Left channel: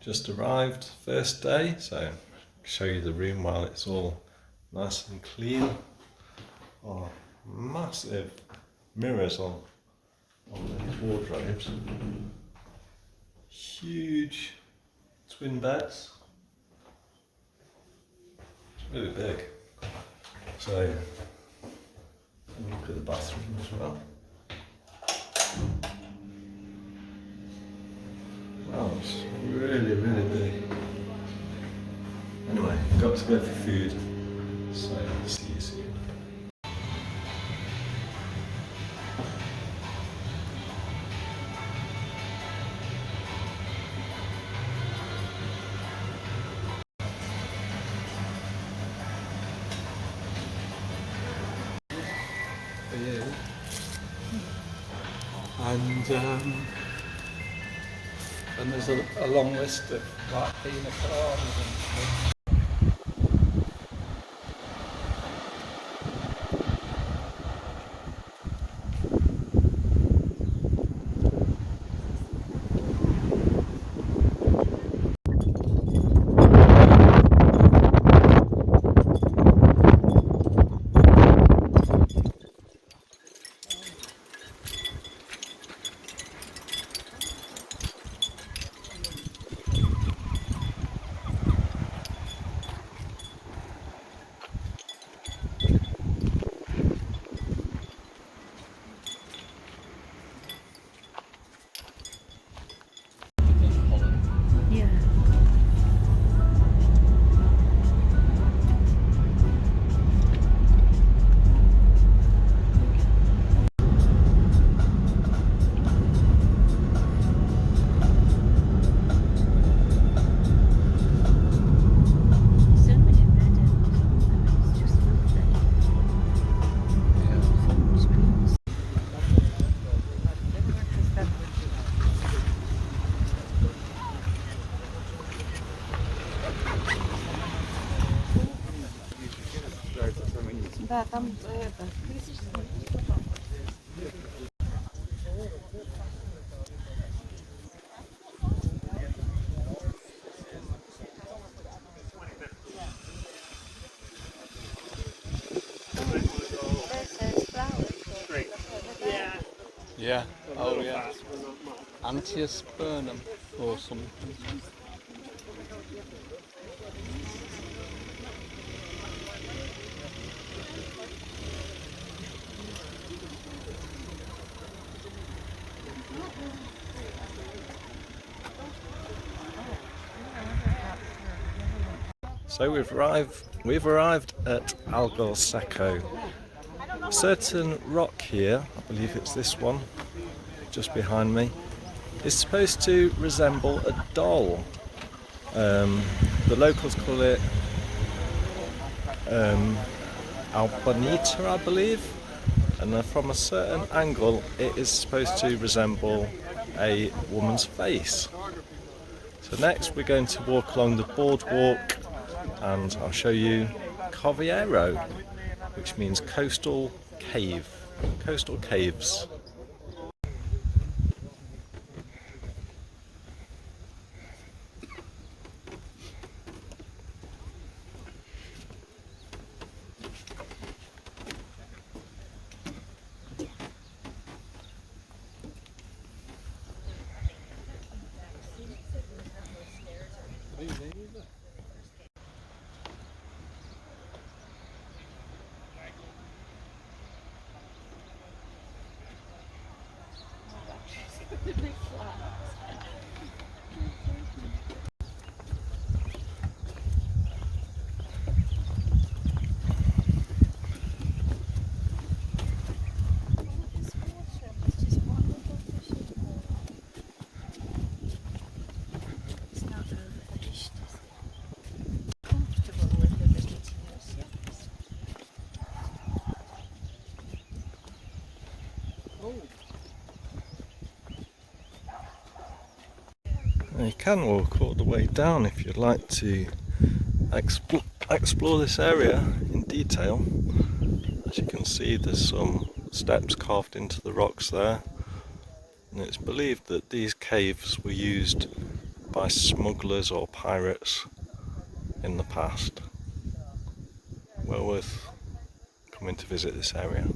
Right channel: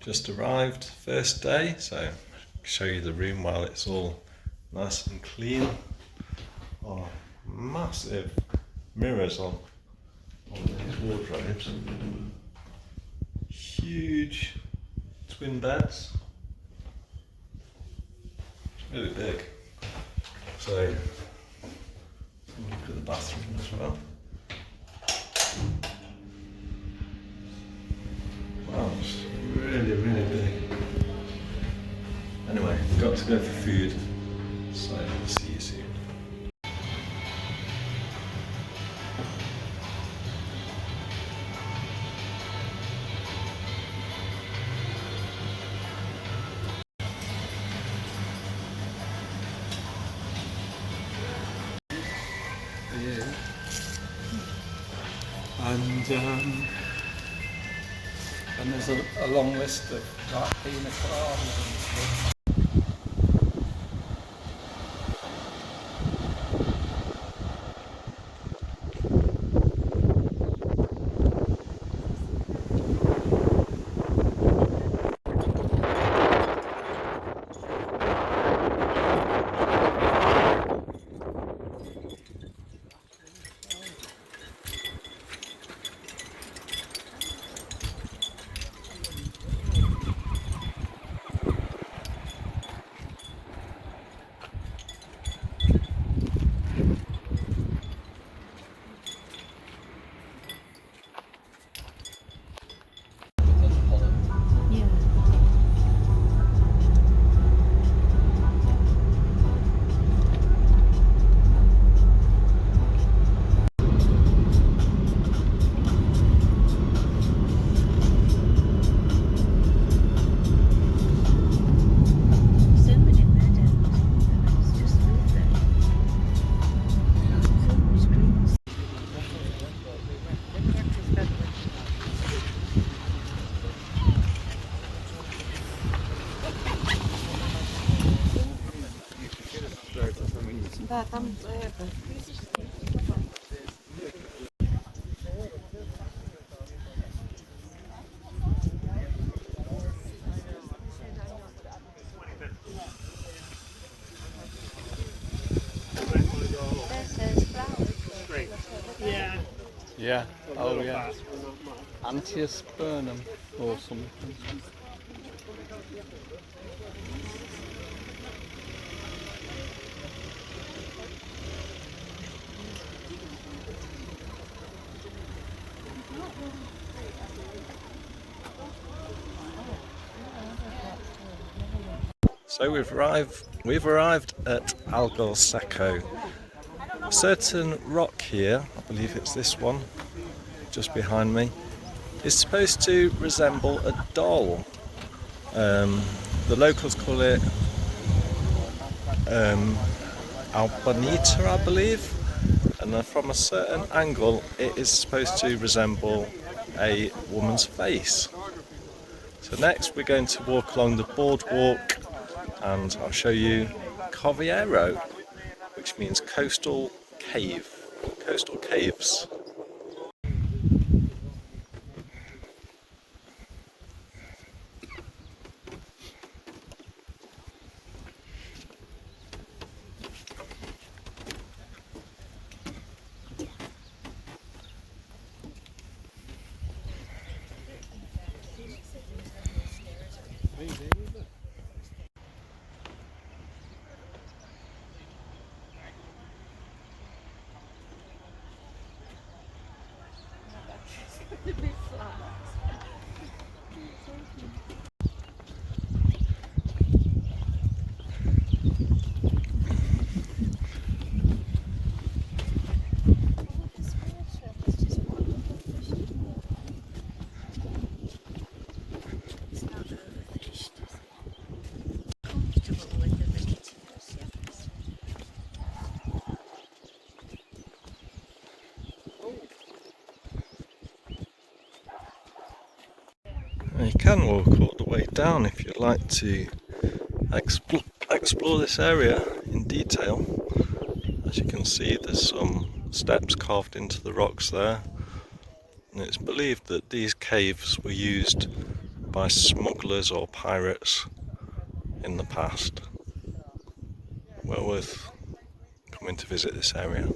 Just arrived, first day, so I'll show you the room while it's all nice and clean. Oh, massive mirrors on these wardrobes. Huge twin beds. It's really big. So, look at the bathroom as well. Wow, it's really, really big. Anyway, got to go for food, so see you soon. And there's a long list of like pina coladas and stuff. Да, там это. Yeah, oh yeah. Angiospermum or something. So we've arrived at Algarve. A certain rock here, I believe it's this one, just behind me, is supposed to resemble a doll. The locals call it Albanita, I believe, and from a certain angle it is supposed to resemble a woman's face. So next we're going to walk along the boardwalk and I'll show you Coviero, which means coastal cave, coastal caves. You can walk all the way down if you'd like to explore this area in detail. As you can see, there's some steps carved into the rocks there, and it's believed that these caves were used by smugglers or pirates in the past. Well worth coming to visit this area.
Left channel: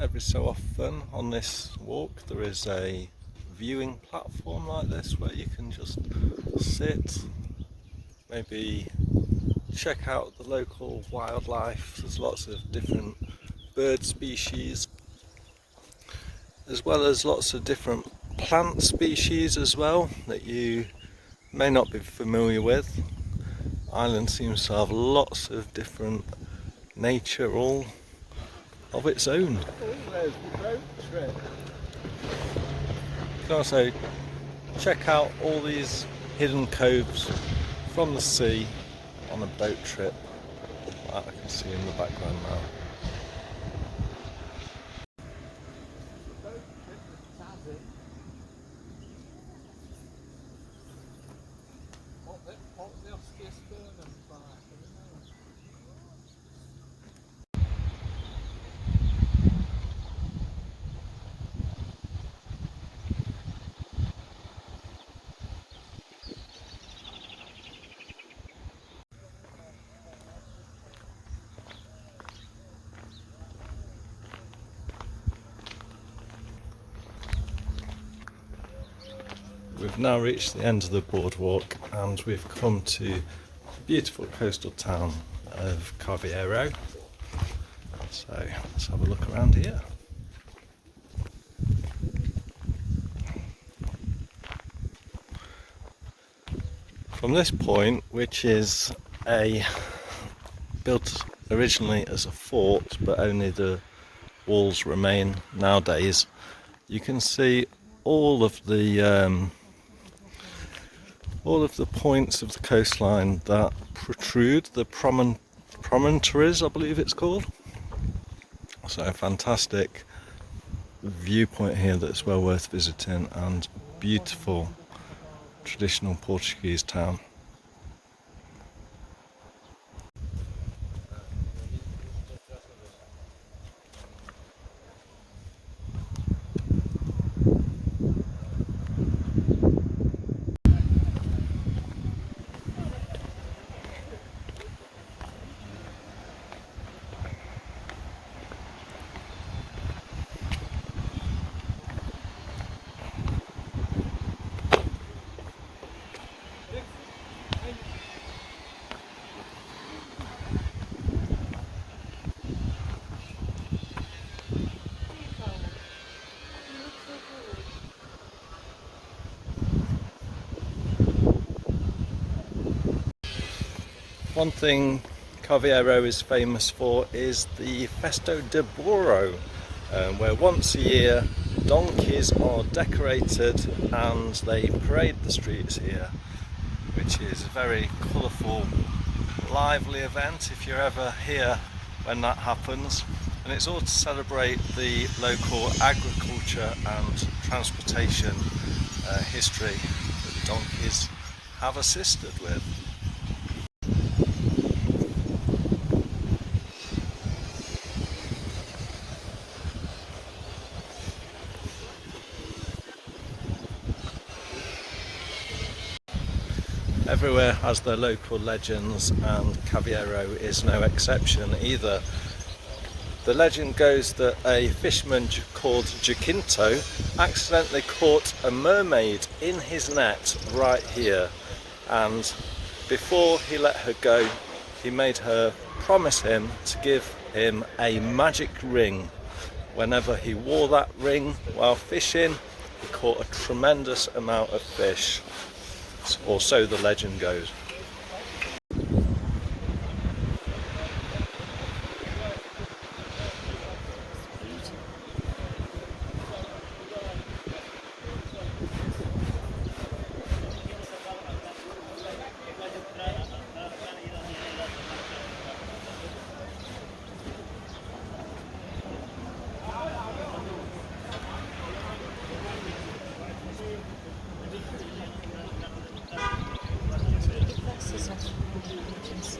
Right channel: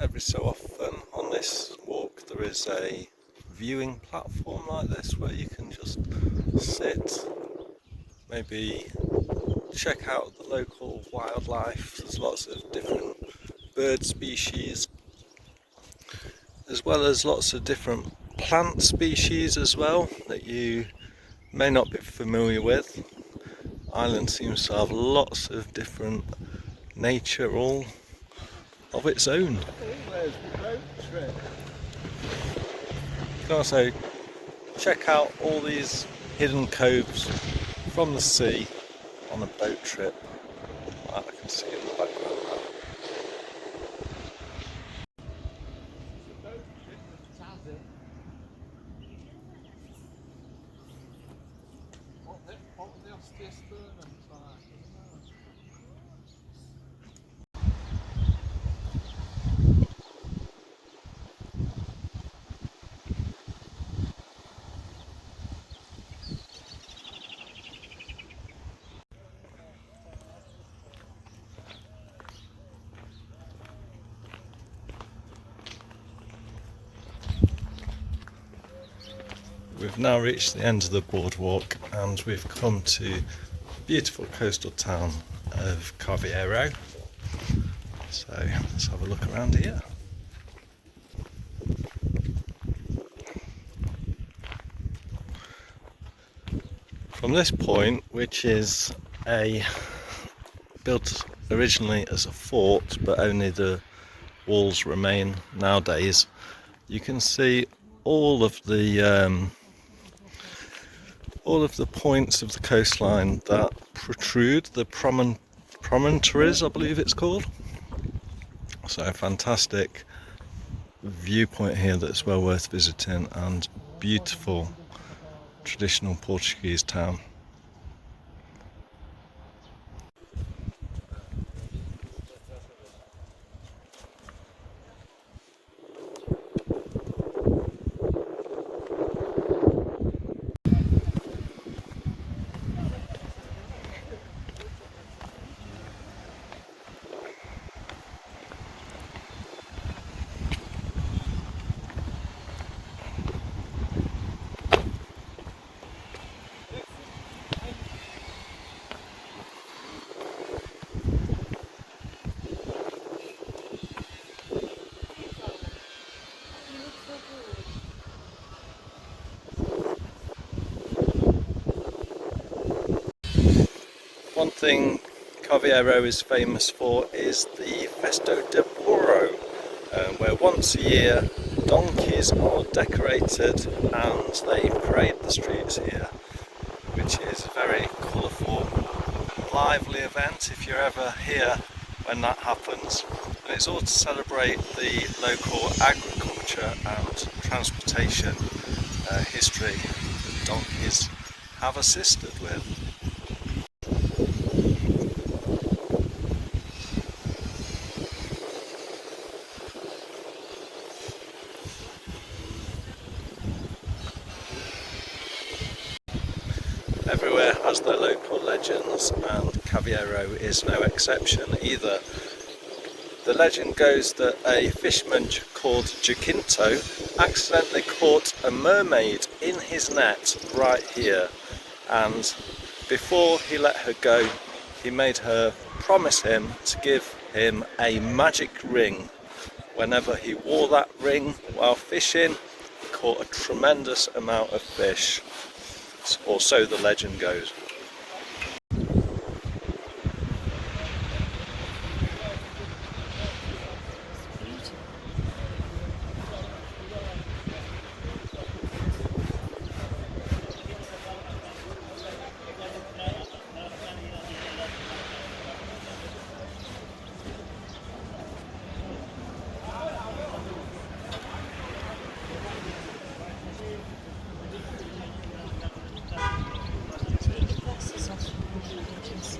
Every so often on this walk there is a viewing platform like this where you can just sit, maybe check out the local wildlife. There's lots of different bird species as well as lots of different plant species as well that you may not be familiar with. Ireland seems to have lots of different nature all of its own. Where's the boat trip? You can also check out all these hidden coves from the sea on a boat trip, like I can see in the background now. We've now reached the end of the boardwalk and we've come to the beautiful coastal town of Carviero. So let's have a look around here. From this point, which is built originally as a fort but only the walls remain nowadays, you can see all of the points of the coastline that protrude, the promontories I believe it's called. So a fantastic viewpoint here that's well worth visiting, and beautiful traditional Portuguese town. One thing Carviero is famous for is the Festo de Burro, where once a year donkeys are decorated and they parade the streets here, which is a very colourful, lively event if you're ever here when that happens. And it's all to celebrate the local agriculture and transportation history that donkeys have assisted with. Everywhere has their local legends, and Carviero is no exception either. The legend goes that a fisherman called Jacinto accidentally caught a mermaid in his net right here, and before he let her go, he made her promise him to give him a magic ring. Whenever he wore that ring while fishing, he caught a tremendous amount of fish. Or so the legend goes.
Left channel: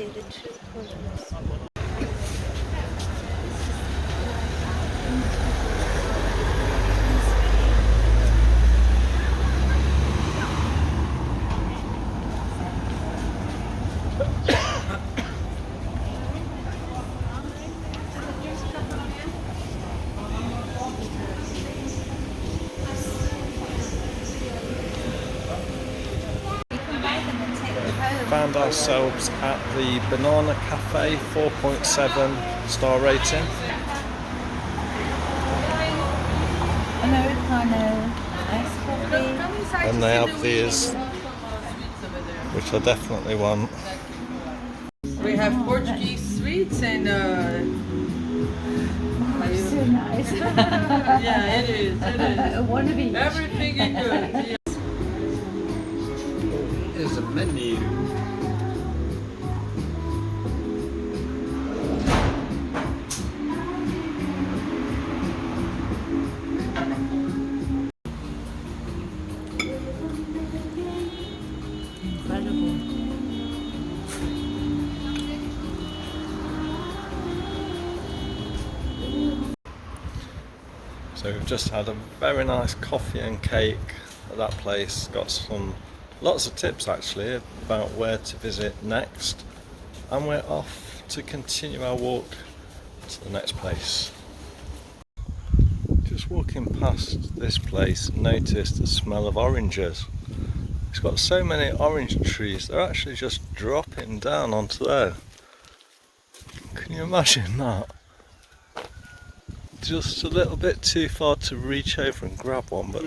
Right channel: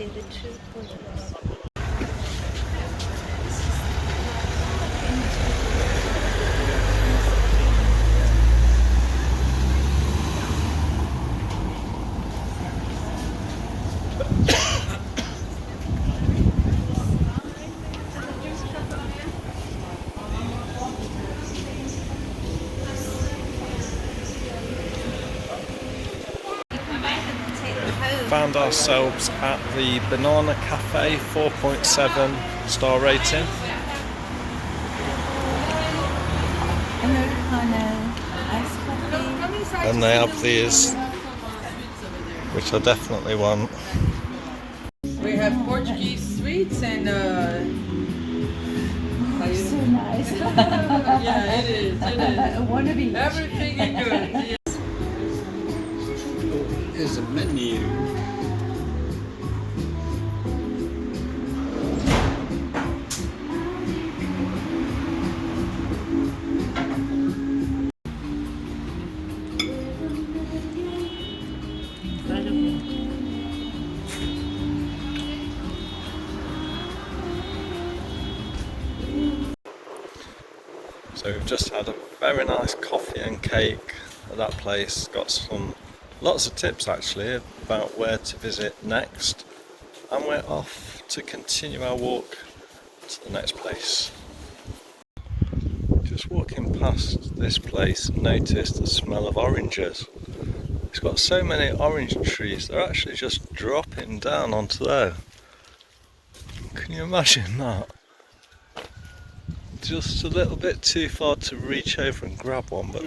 see the two pillars. Found ourselves at the Banana Cafe, 4.7 star rating. Americano, iced coffee. And they have these, which I definitely want. We have Portuguese sweets and So nice. yeah, it is. One of each. Everything is good. There's a menu. So we've just had a very nice coffee and cake at that place. Got lots of tips actually about where to visit next, and we're off to continue our walk to the next place. Just walking past this place, noticed the smell of oranges. It's got so many orange trees, they're actually just dropping down onto there. Can you imagine that? Just a little bit too far to reach over and grab one, but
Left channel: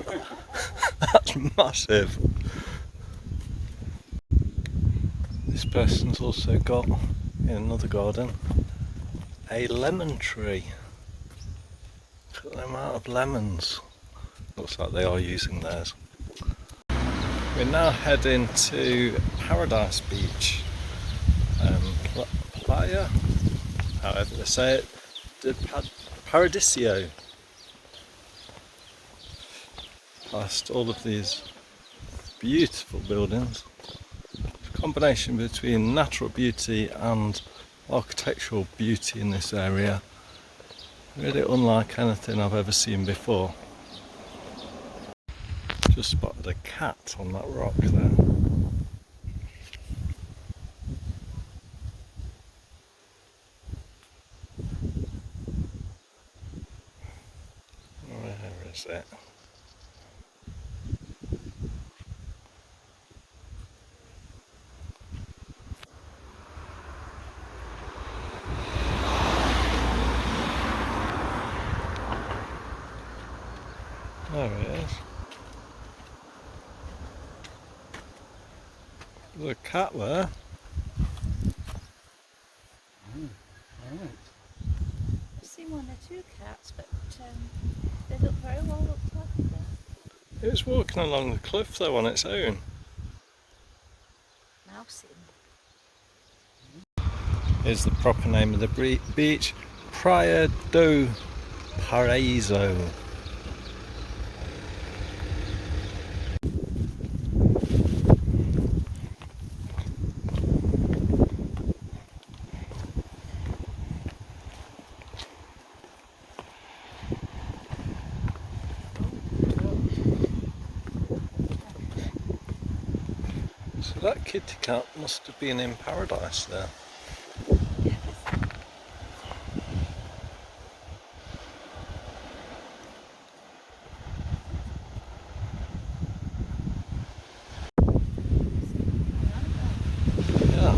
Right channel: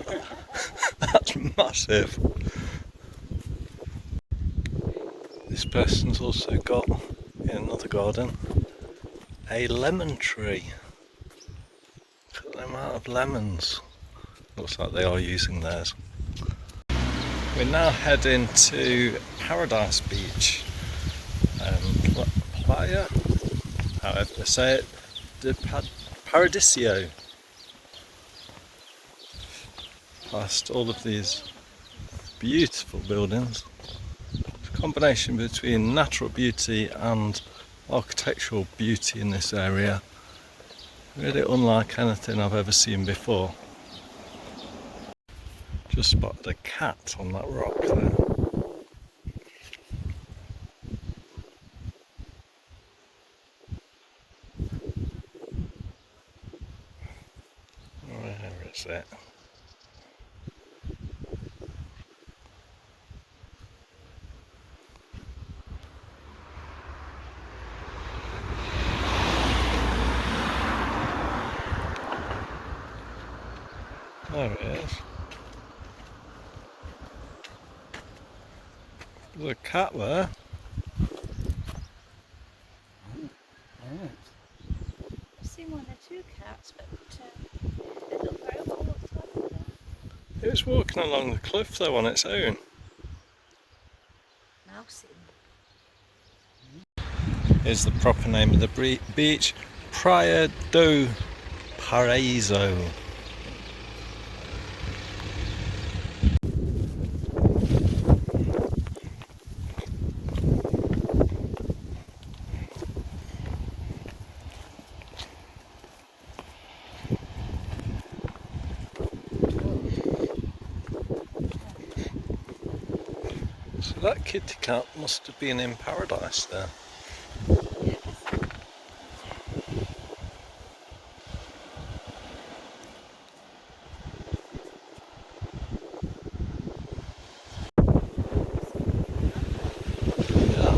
that's massive. This person's also got, in another garden, a lemon tree. Look at the amount of lemons. Looks like they are using theirs. We're now heading to Paradise Beach. Playa, however they say it, Paradisio. Past all of these beautiful buildings. It's a combination between natural beauty and architectural beauty in this area. Really unlike anything I've ever seen before. Just spotted a cat on that rock there. Where is it? There it is. There's a cat there. I've seen one or two cats, but they look very well looked after. It was walking along the cliff though on its own. Now seen. Here's the proper name of the beach, Praia do Paraíso. So that kitty cat must have been in paradise there. Yeah.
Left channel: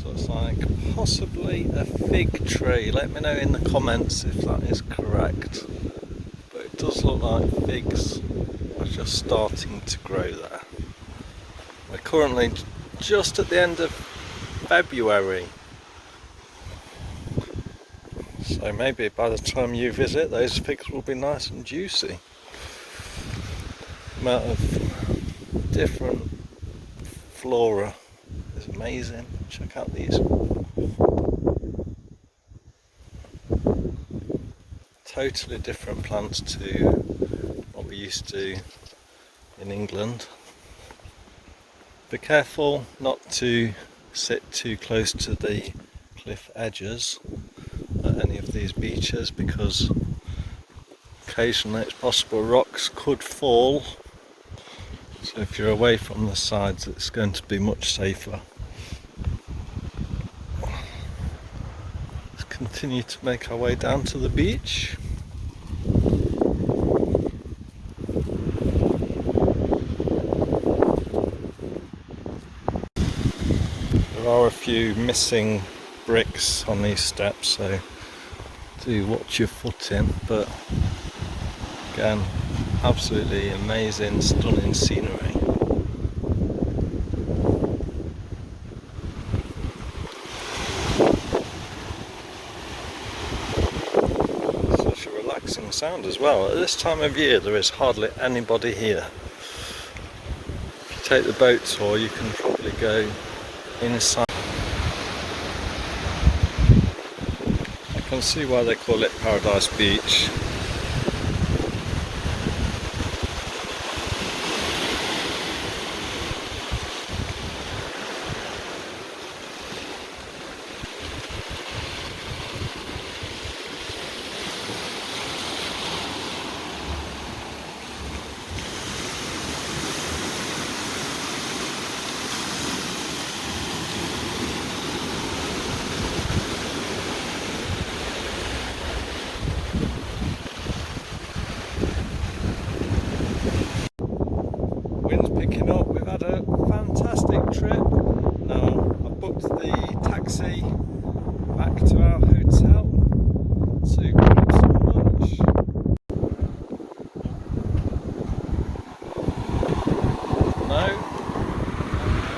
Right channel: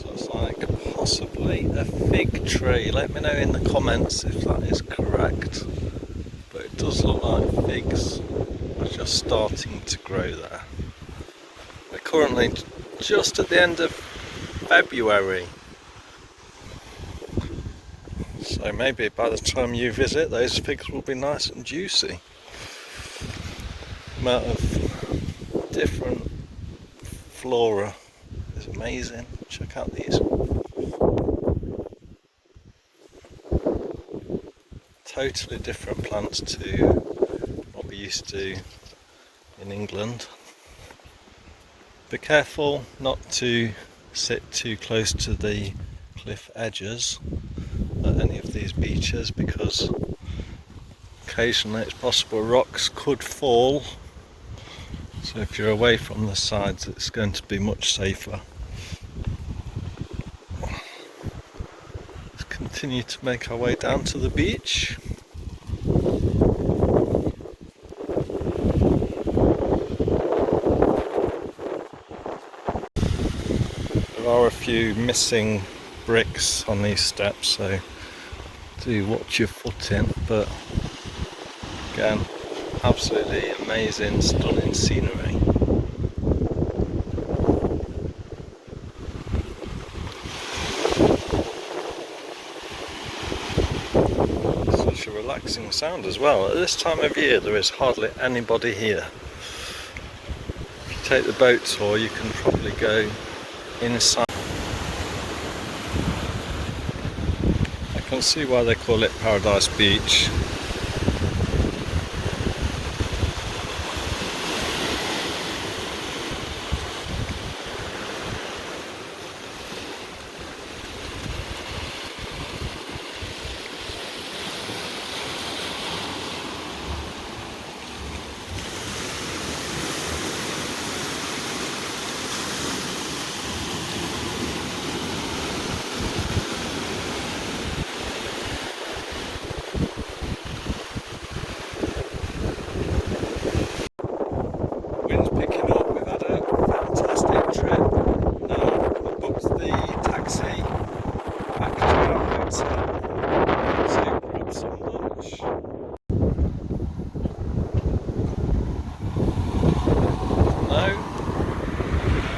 So it's like possibly a fig tree. Let me know in the comments if that is correct. But it does look like figs are just starting to grow there. We're currently just at the end of February, so maybe by the time you visit those figs will be nice and juicy. The amount of different flora is amazing. Check out these. Totally different plants to what we used to in England. Be careful not to sit too close to the cliff edges at any of these beaches, because occasionally it's possible rocks could fall. So if you're away from the sides, it's going to be much safer. Let's continue to make our way down to the beach. There are a few missing bricks on these steps, so do watch your foot in, but again, absolutely amazing, stunning scenery. Such a relaxing sound as well. At this time of year there is hardly anybody here. If you take the boat tour, you can probably go inside. I can see why they call it Paradise Beach. Wind's picking up, we've had a fantastic trip. Now we've booked the taxi back to our hotel to grab some lunch. No?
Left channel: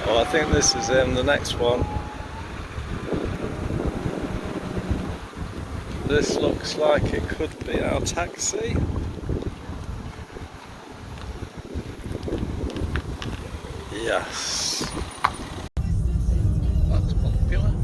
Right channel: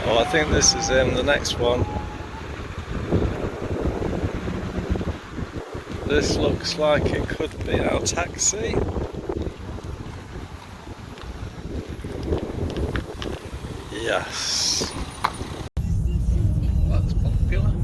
Well, I think this is the next one. This looks like it could be our taxi. Yes. That's popular.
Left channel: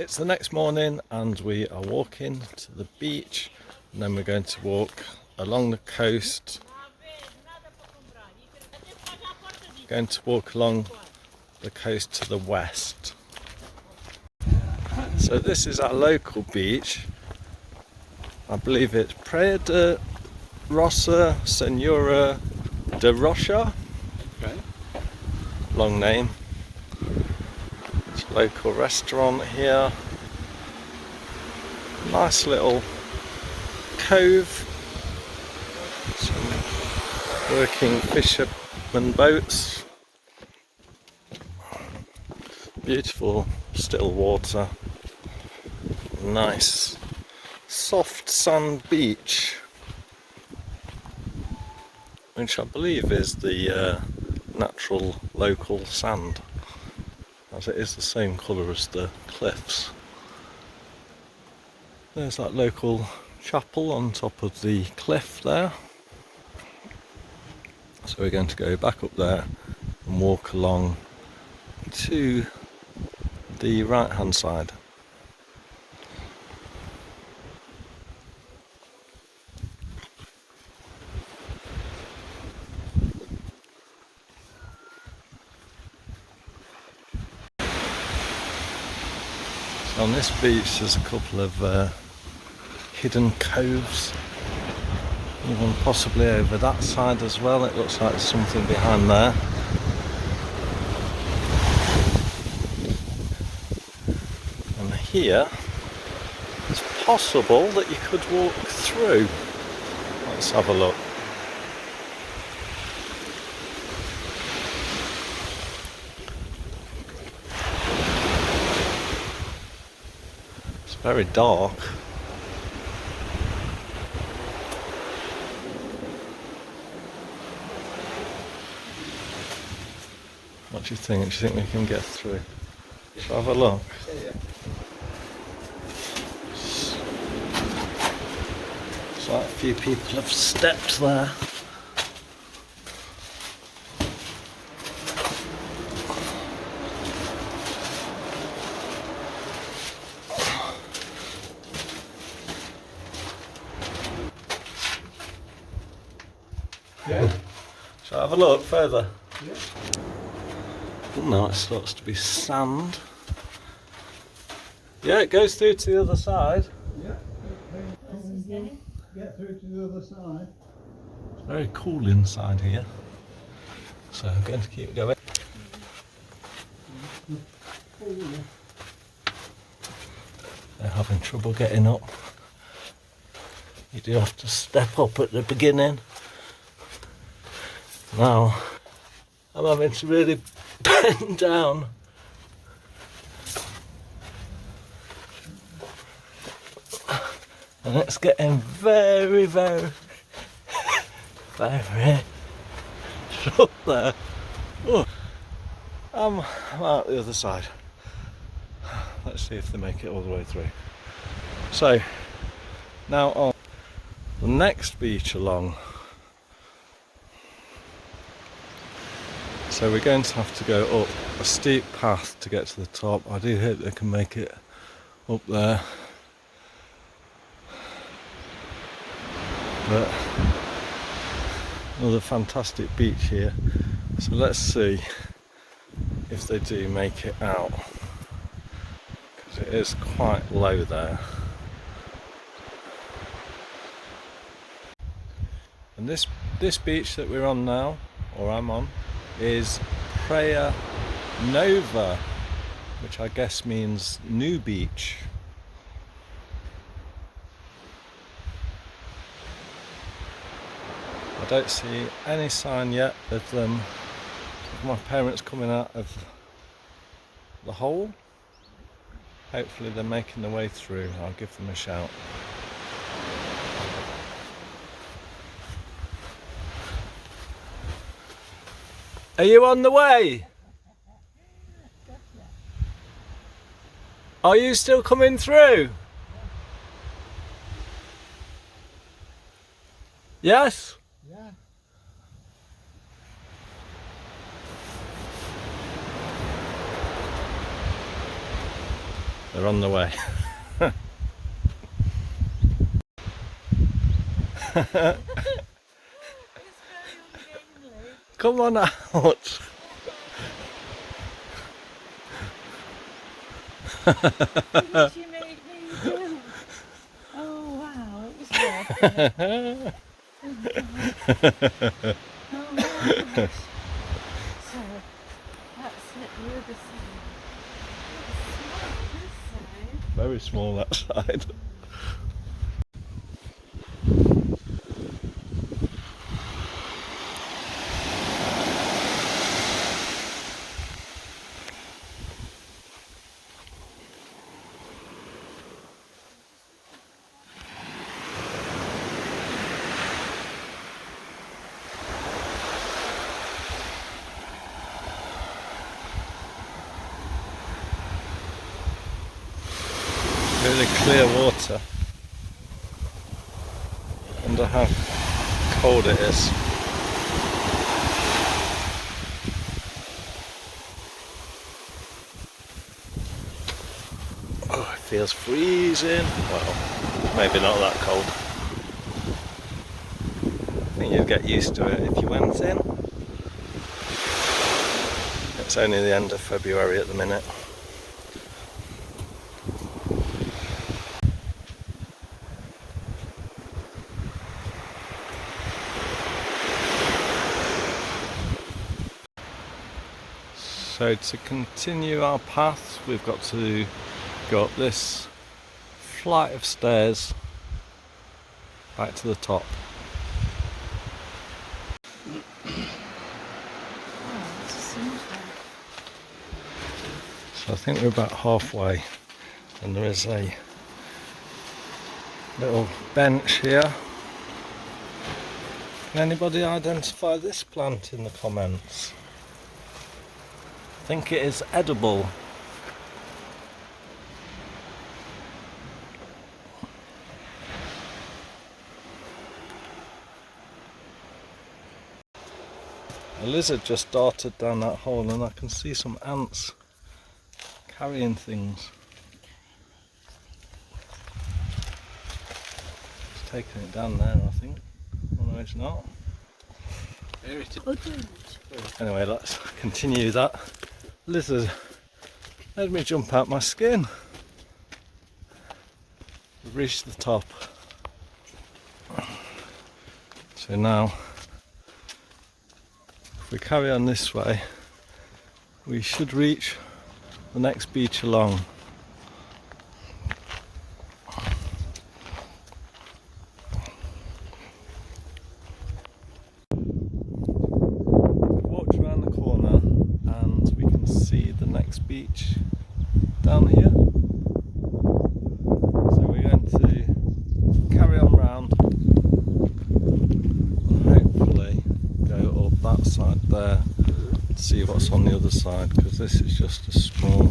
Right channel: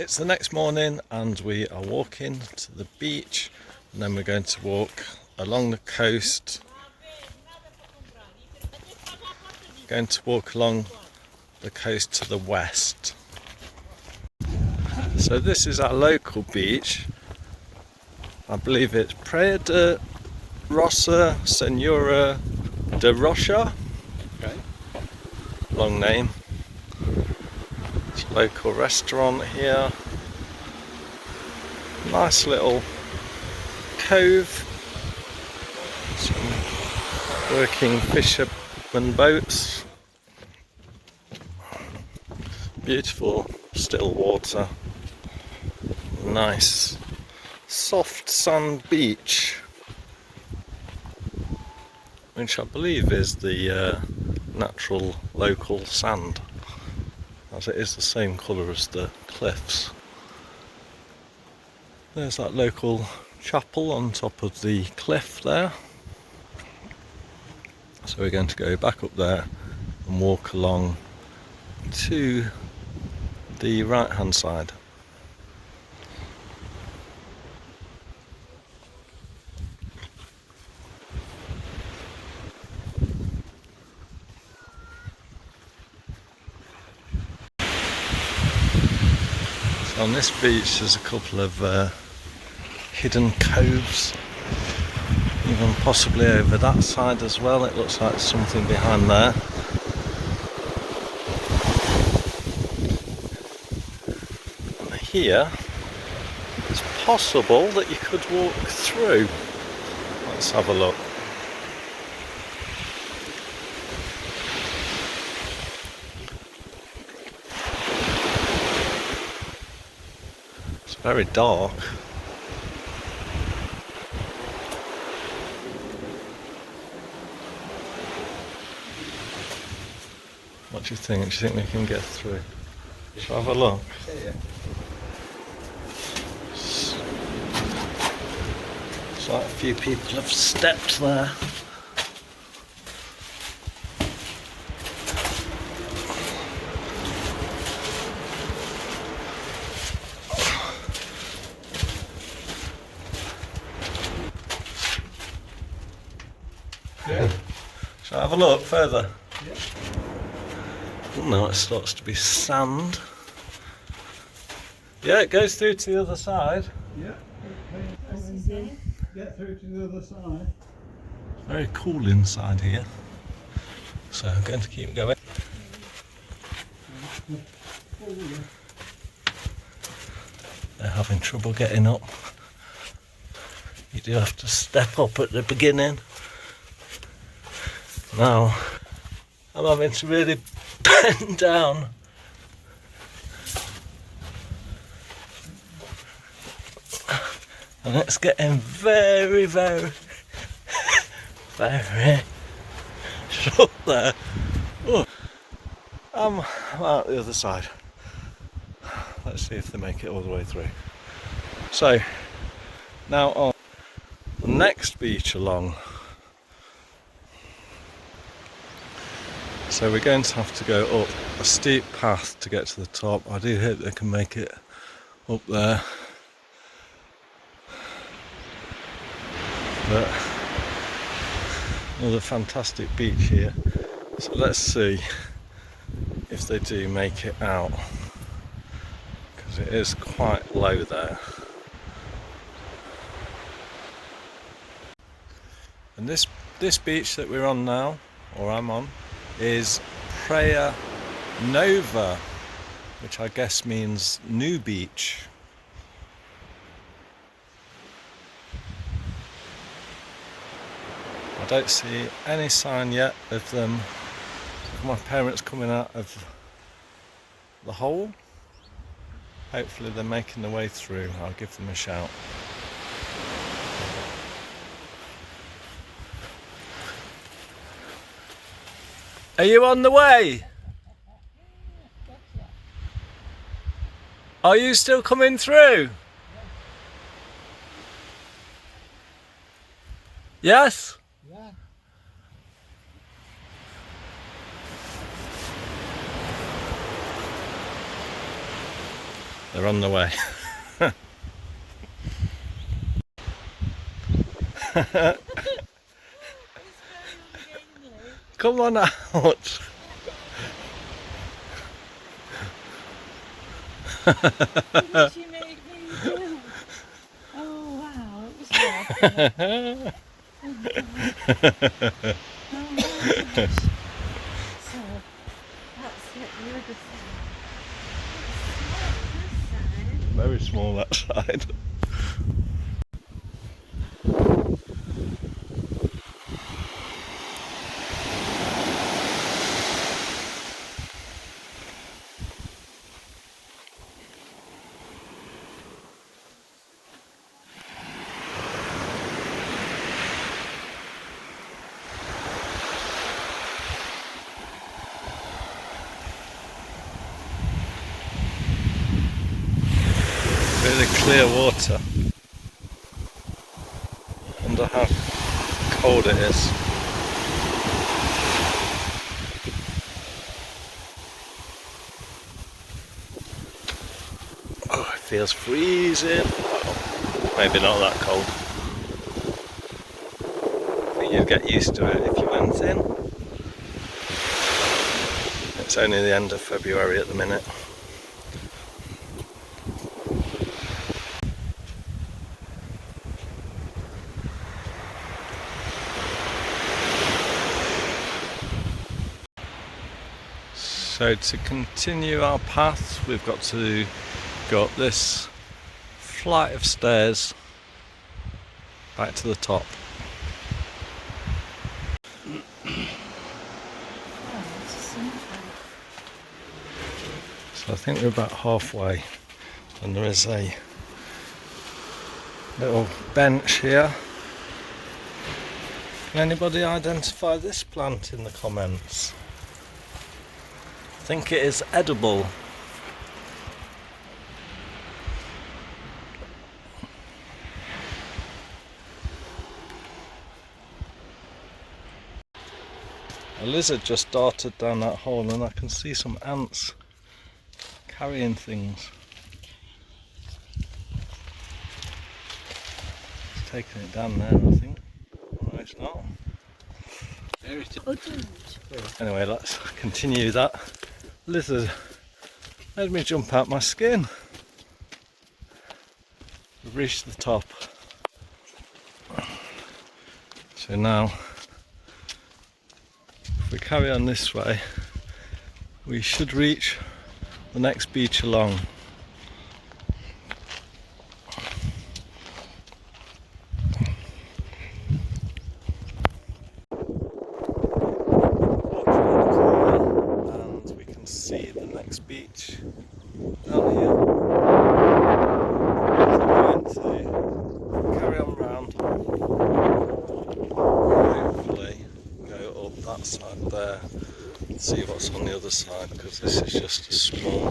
It's the next morning and we are walking to the beach, and then we're going to walk along the coast. Going to walk along the coast to the west. So this is our local beach. I believe it's Praia de Roça Senhora de Rocha. Okay. Long name. It's a local restaurant here. Nice little cove Some working fishermen boats. Beautiful still water. Nice soft sand beach, which I believe is the natural local sand, as it is the same colour as the cliffs. There's that local chapel on top of the cliff there. So we're going to go back up there and walk along to the right hand side. So on this beach there's a couple of hidden coves, even possibly over that side as well. It looks like there's something behind there. And here it's possible that you could walk through. Let's have a look. It's very dark. What do you think? Do you think we can get through? Let's have a look. Looks like a few people have stepped there. Yeah. Shall I have a look further? Yeah. Now it starts to be sand. Yeah, it goes through to the other side. Yeah. Get through to the other side. It's very cool inside here. So I'm going to keep going. They're having trouble getting up. You do have to step up at the beginning. Now I'm having to really bend down. And it's getting very, very, very short there. Oh, I'm out the other side. Let's see if they make it all the way through. So, now on the next beach along. So we're going to have to go up a steep path to get to the top. I do hope they can make it up there. But another fantastic beach here. So let's see if they do make it out, because it is quite low there. And this beach that we're on now, or I'm on, is Praia Nova, which I guess means new beach. I don't see any sign yet of them, of my parents coming out of the hole. Hopefully they're making their way through. I'll give them a shout. Are you on the way? Are you still coming through? Yes? Yeah. They're on the way. Come on out. What did you make me do? Oh wow, it was rough. Oh my gosh. So, let's hit the other side. It's small this side. Very small that side. clear water. Wonder how cold it is. Oh, it feels freezing. Well, maybe not that cold. I think you'd get used to it if you went in. It's only the end of February at the minute. So to continue our path, we've got to go up this flight of stairs back to the top. So I think we're about halfway, and there is a little bench here. Can anybody identify this plant in the comments? I think it is edible. A lizard just darted down that hole, and I can see some ants carrying things. It's taking it down there, I think. No, it's not. Anyway, let's continue that. Lizard made me jump out my skin. We've reached the top. So now, if we carry on this way, we should reach the next beach along. And we can see the next beach down here. So we're going to carry on round and hopefully go up that side there and see what's on the other side, because this is just a small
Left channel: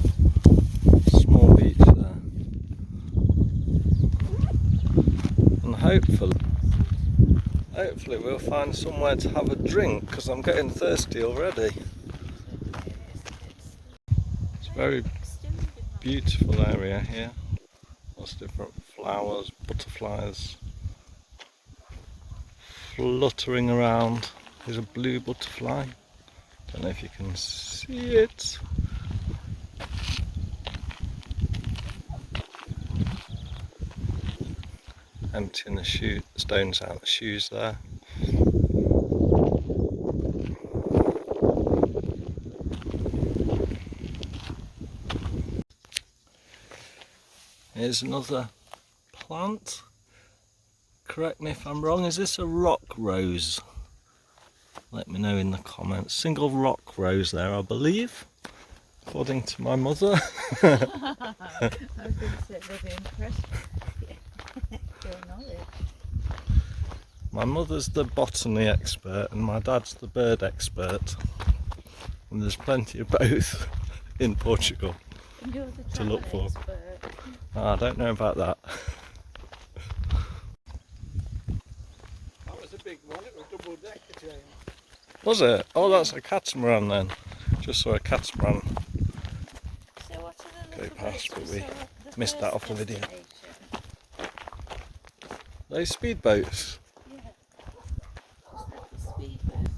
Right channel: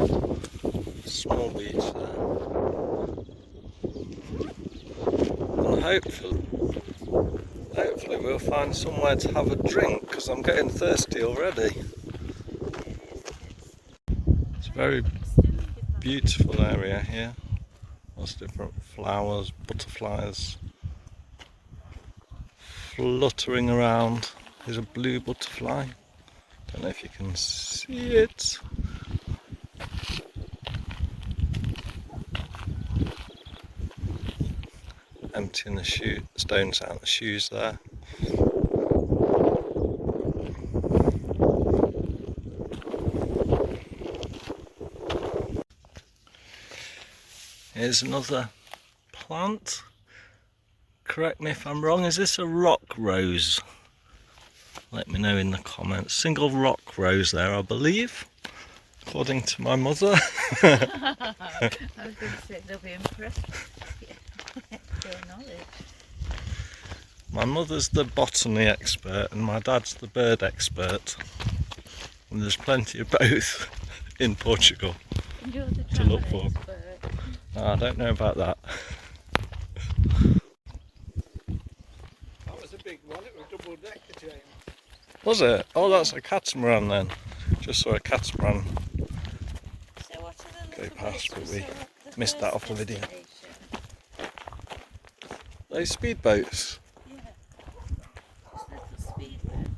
beach there. And hopefully we'll find somewhere to have a drink, because I'm getting thirsty already. It's a very beautiful area here. Lots of different flowers, butterflies fluttering around. There's a blue butterfly. Don't know if you can see it. Emptying the stones out of the shoes there. Here's another plant. Correct me if I'm wrong, is this a rock rose? Let me know in the comments. Single rock rose there, I believe, according to my mother. I was going to say they'll be impressed with your knowledge. My mother's the botany expert and my dad's the bird expert. And there's plenty of both in Portugal And you're the to look for. expert. I don't know about that. That was a big one, it was double decker train. Was it? Oh, that's a catamaran then. Just saw a catamaran So what are the go little past, but bits we of the missed that first off the video. destination? Those speedboats. Yeah. Just little speedboat.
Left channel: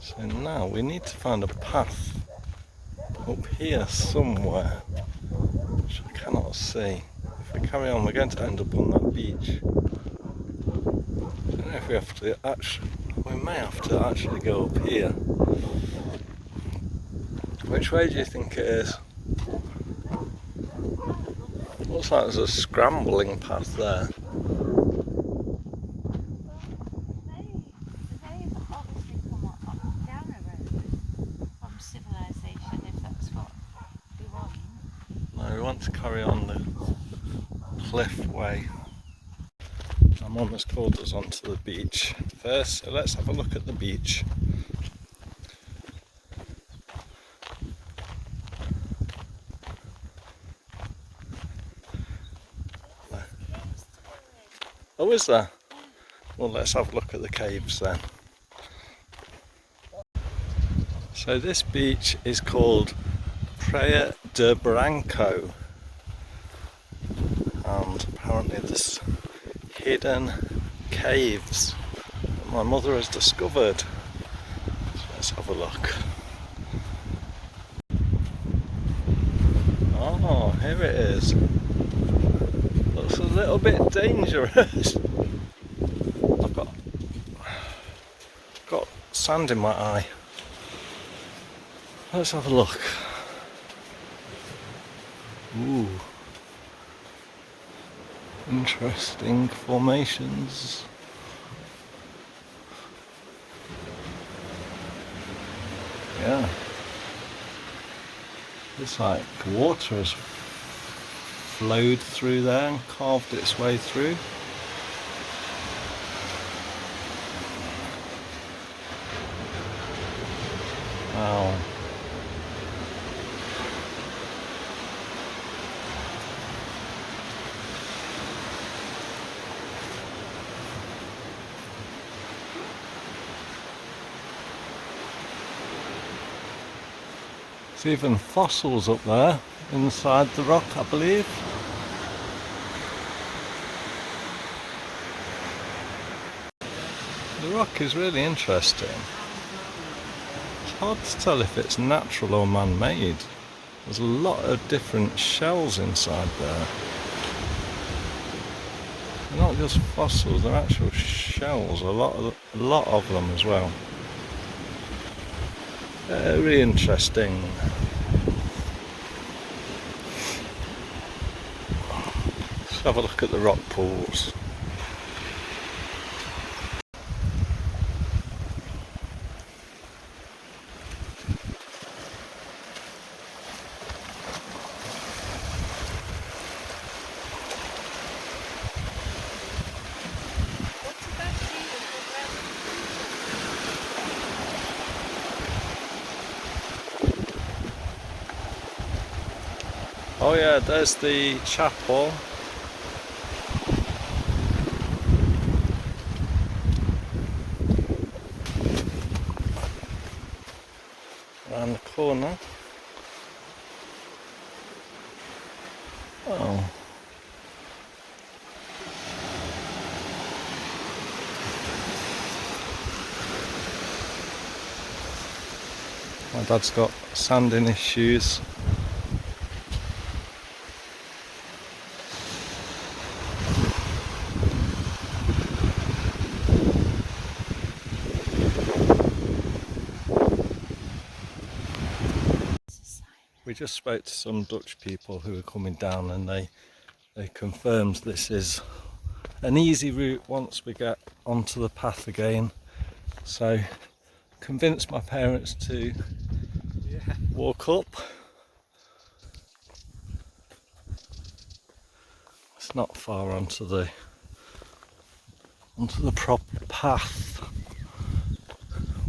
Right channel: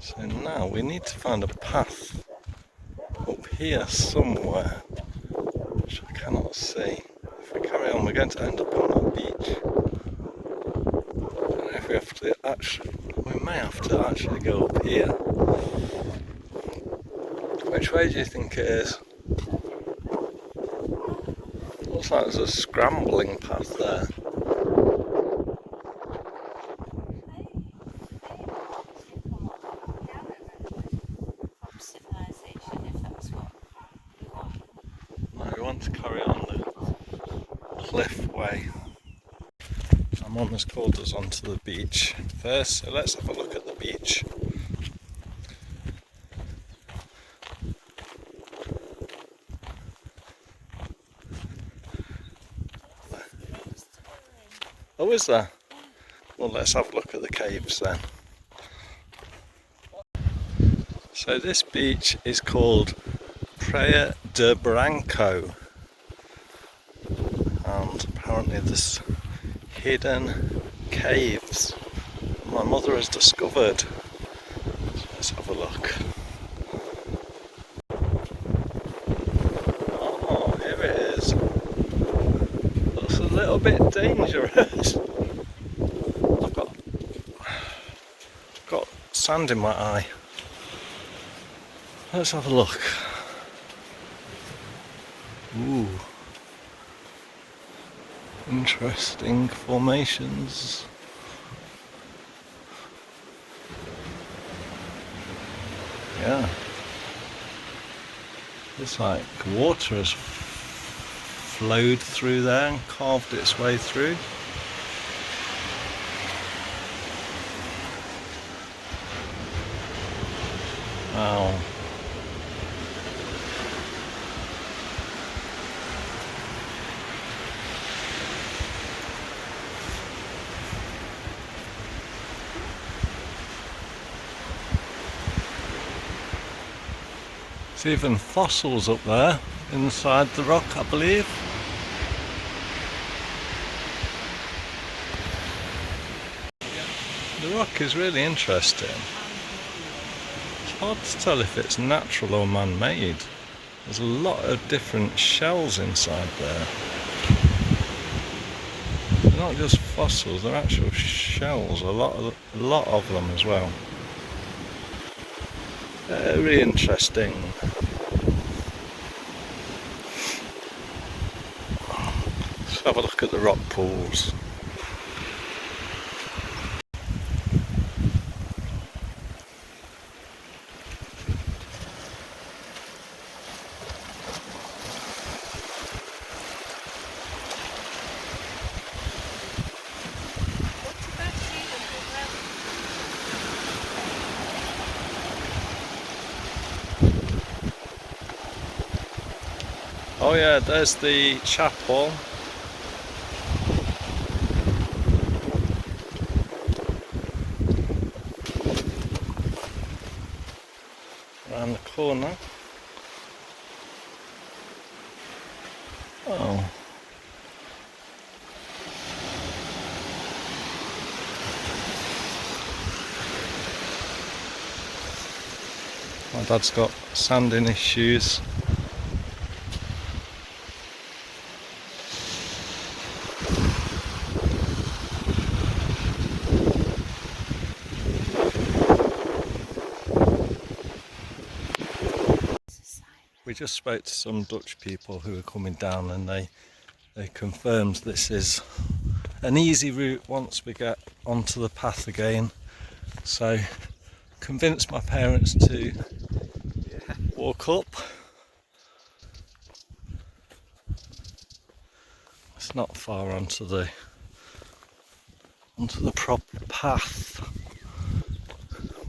So now we need to find a path up here somewhere, which I cannot see. If we carry on, we're going to end up on that beach. I don't know if we have to we may have to actually go up here. Which way do you think it is? Looks like there's a scrambling path there. From civilization, if that's what we want. No, we want to carry on the cliff way. So Mum has called us onto the beach first, so let's have a look at the beach. Oh, is there? Well, let's have a look at the caves then. So this beach is called Praia de Branco, and apparently there's hidden caves that my mother has discovered. Let's have a look. Oh, here it is. Looks a little bit dangerous. I've got sand in my eye. Let's have a look. Ooh. Interesting formations. Yeah. Looks like water has flowed through there and carved its way through. Wow. There's even fossils up there inside the rock, I believe. The rock is really interesting. It's hard to tell if it's natural or man-made. There's a lot of different shells inside there. They're not just fossils, they're actual shells, a lot of them as well. Very interesting. Let's have a look at the rock pools. Oh yeah, there's the chapel. Around the corner. Oh. My dad's got sand in his shoes. We just spoke to some Dutch people who are coming down, and they confirmed this is an easy route once we get onto the path again. So convinced my parents to walk up. It's not far onto the proper path.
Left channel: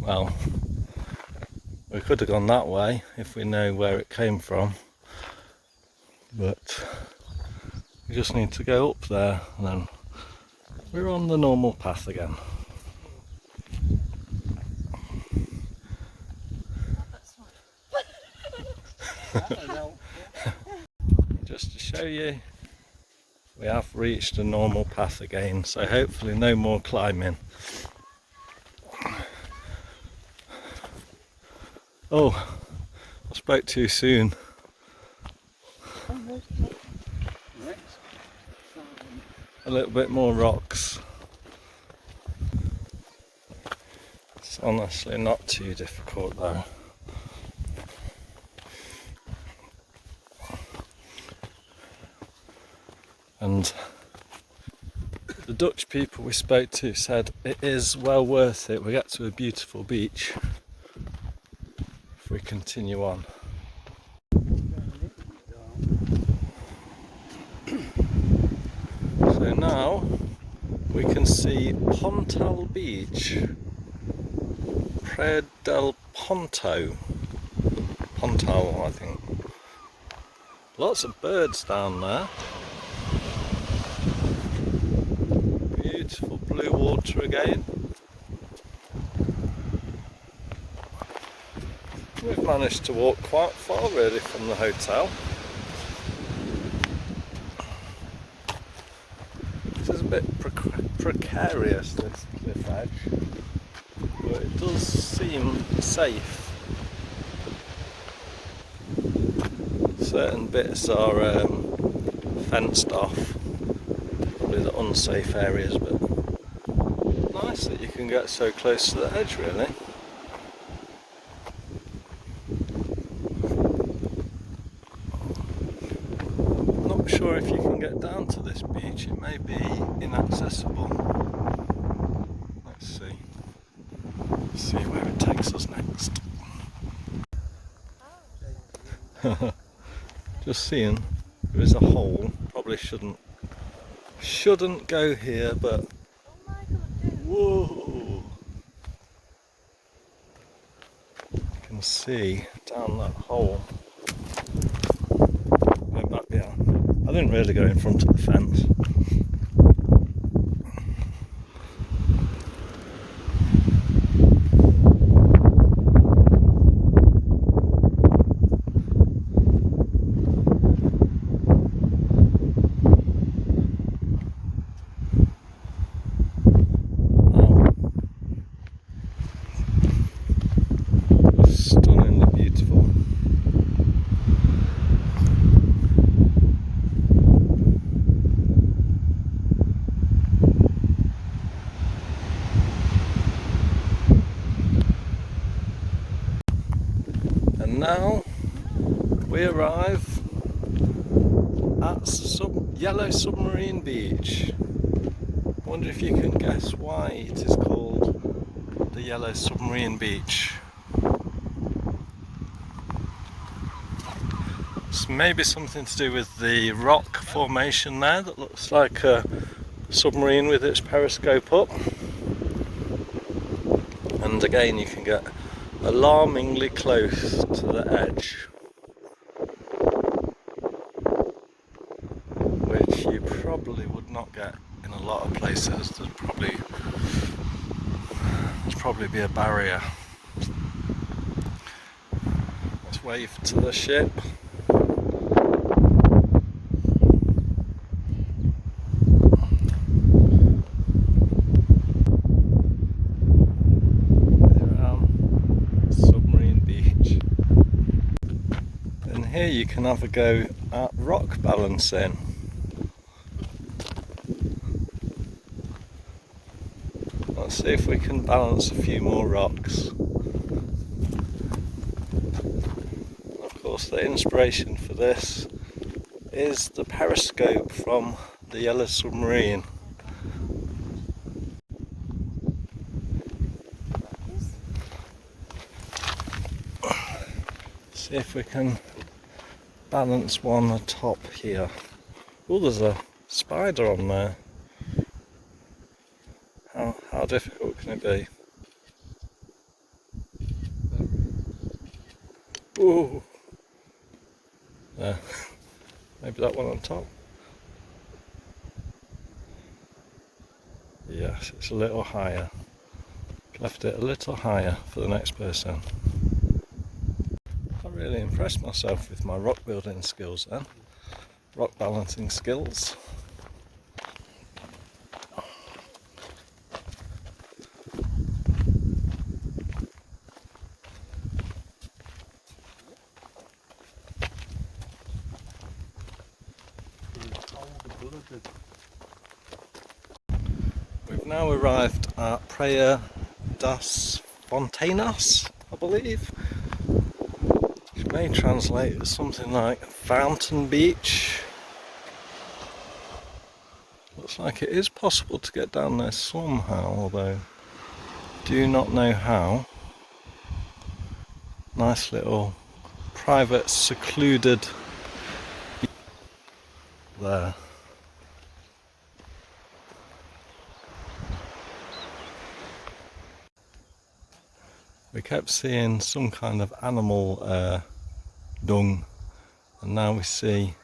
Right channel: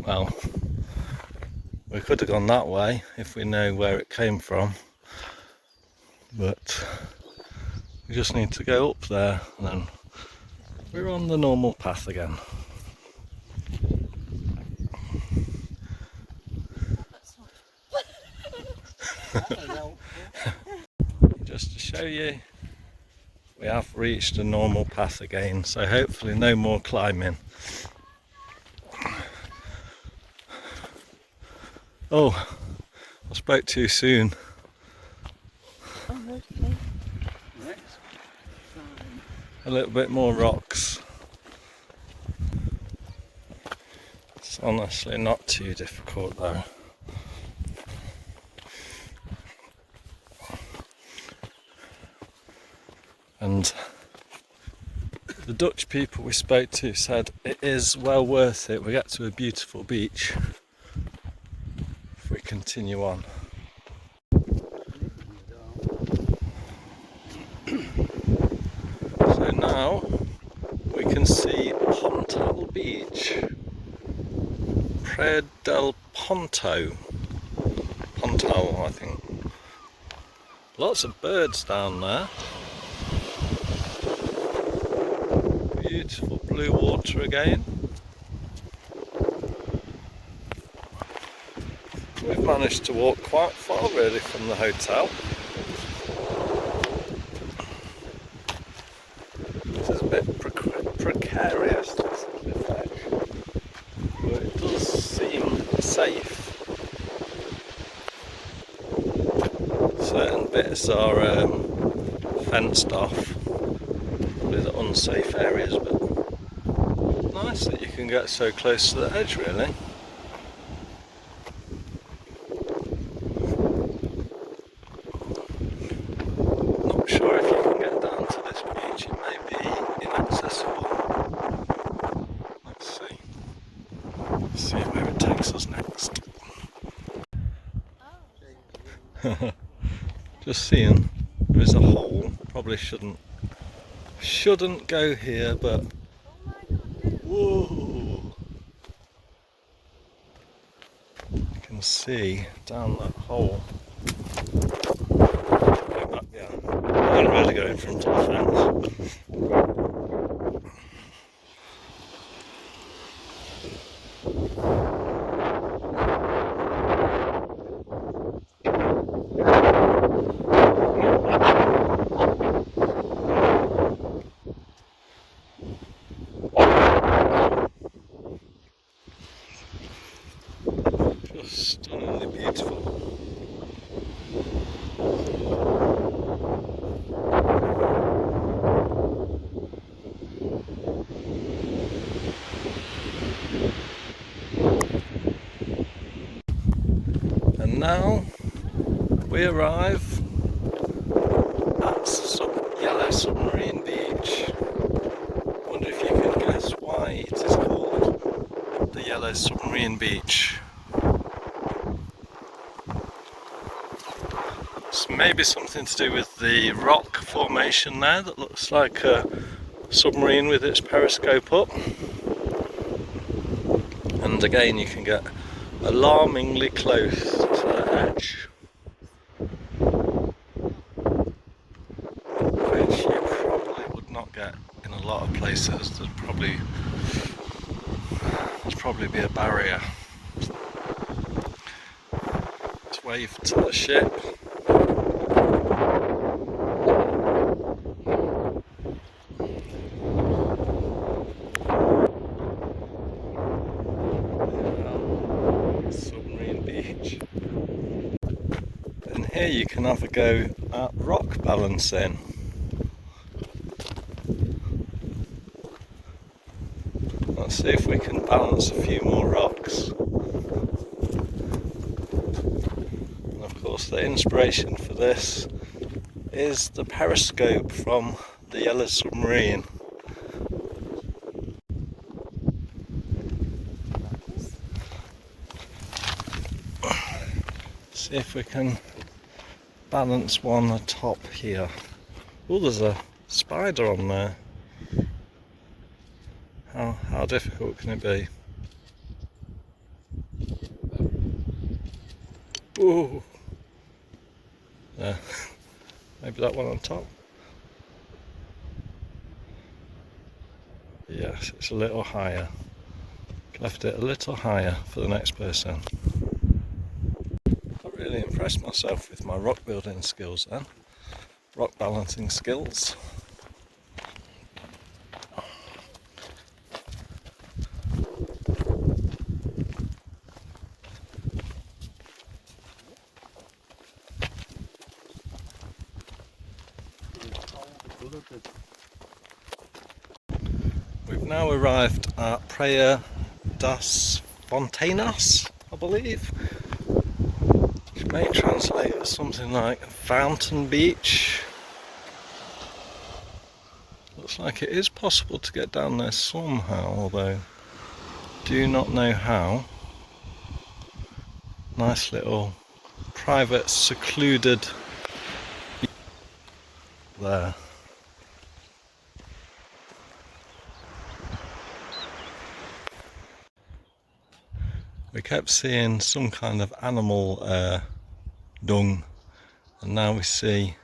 Well, we could have gone that way if we know where it came from, but we just need to go up there and then we're on the normal path again. Just to show you, we have reached a normal path again, so hopefully no more climbing. Oh, I spoke too soon. A little bit more rocks. It's honestly not too difficult though. And the Dutch people we spoke to said it is well worth it. We get to a beautiful beach if we continue on. So now we can see Pontal Beach, Praia del Ponto, Pontal I think. Lots of birds down there. beautiful blue water again. We've managed to walk quite far really from the hotel. This is a bit precarious, this bit actually, but it does seem safe. Certain bits are fenced off, probably the unsafe areas, but nice that you can get so close to the edge really. Not sure if you can get down to this beach, it may be inaccessible. Let's see. See where it takes us next. Just seeing, there is a hole. Probably shouldn't go here, but whoa! You can see down that hole. Go back there. I don't really go in front of the fence. Stunningly beautiful. And now we arrive at Yellow Submarine Beach. Wonder if you can guess why it is called the Yellow Submarine Beach. It's maybe something to do with the rock formation there that looks like a submarine with its periscope up. And again, you can get alarmingly close to the edge, which you probably would not get in a lot of places. There'd probably be a barrier. Let's wave to the ship. Here you can have a go at rock balancing. Let's see if we can balance a few more rocks. Of course, the inspiration for this is the periscope from the Yellow Submarine. See if we can balance one atop here. Oh, there's a spider on there. How difficult can it be? Ooh. There. Maybe that one on top. Yes, it's a little higher. Left it a little higher for the next person. I really impressed myself with my rock building skills then. Rock balancing skills. We've now arrived at Praia das Fontanas, I believe, which may translate as something like Fountain Beach. Looks like it is possible to get down there somehow, although do not know how. Nice little private secluded beach there. We kept seeing some kind of animal dung, and now we see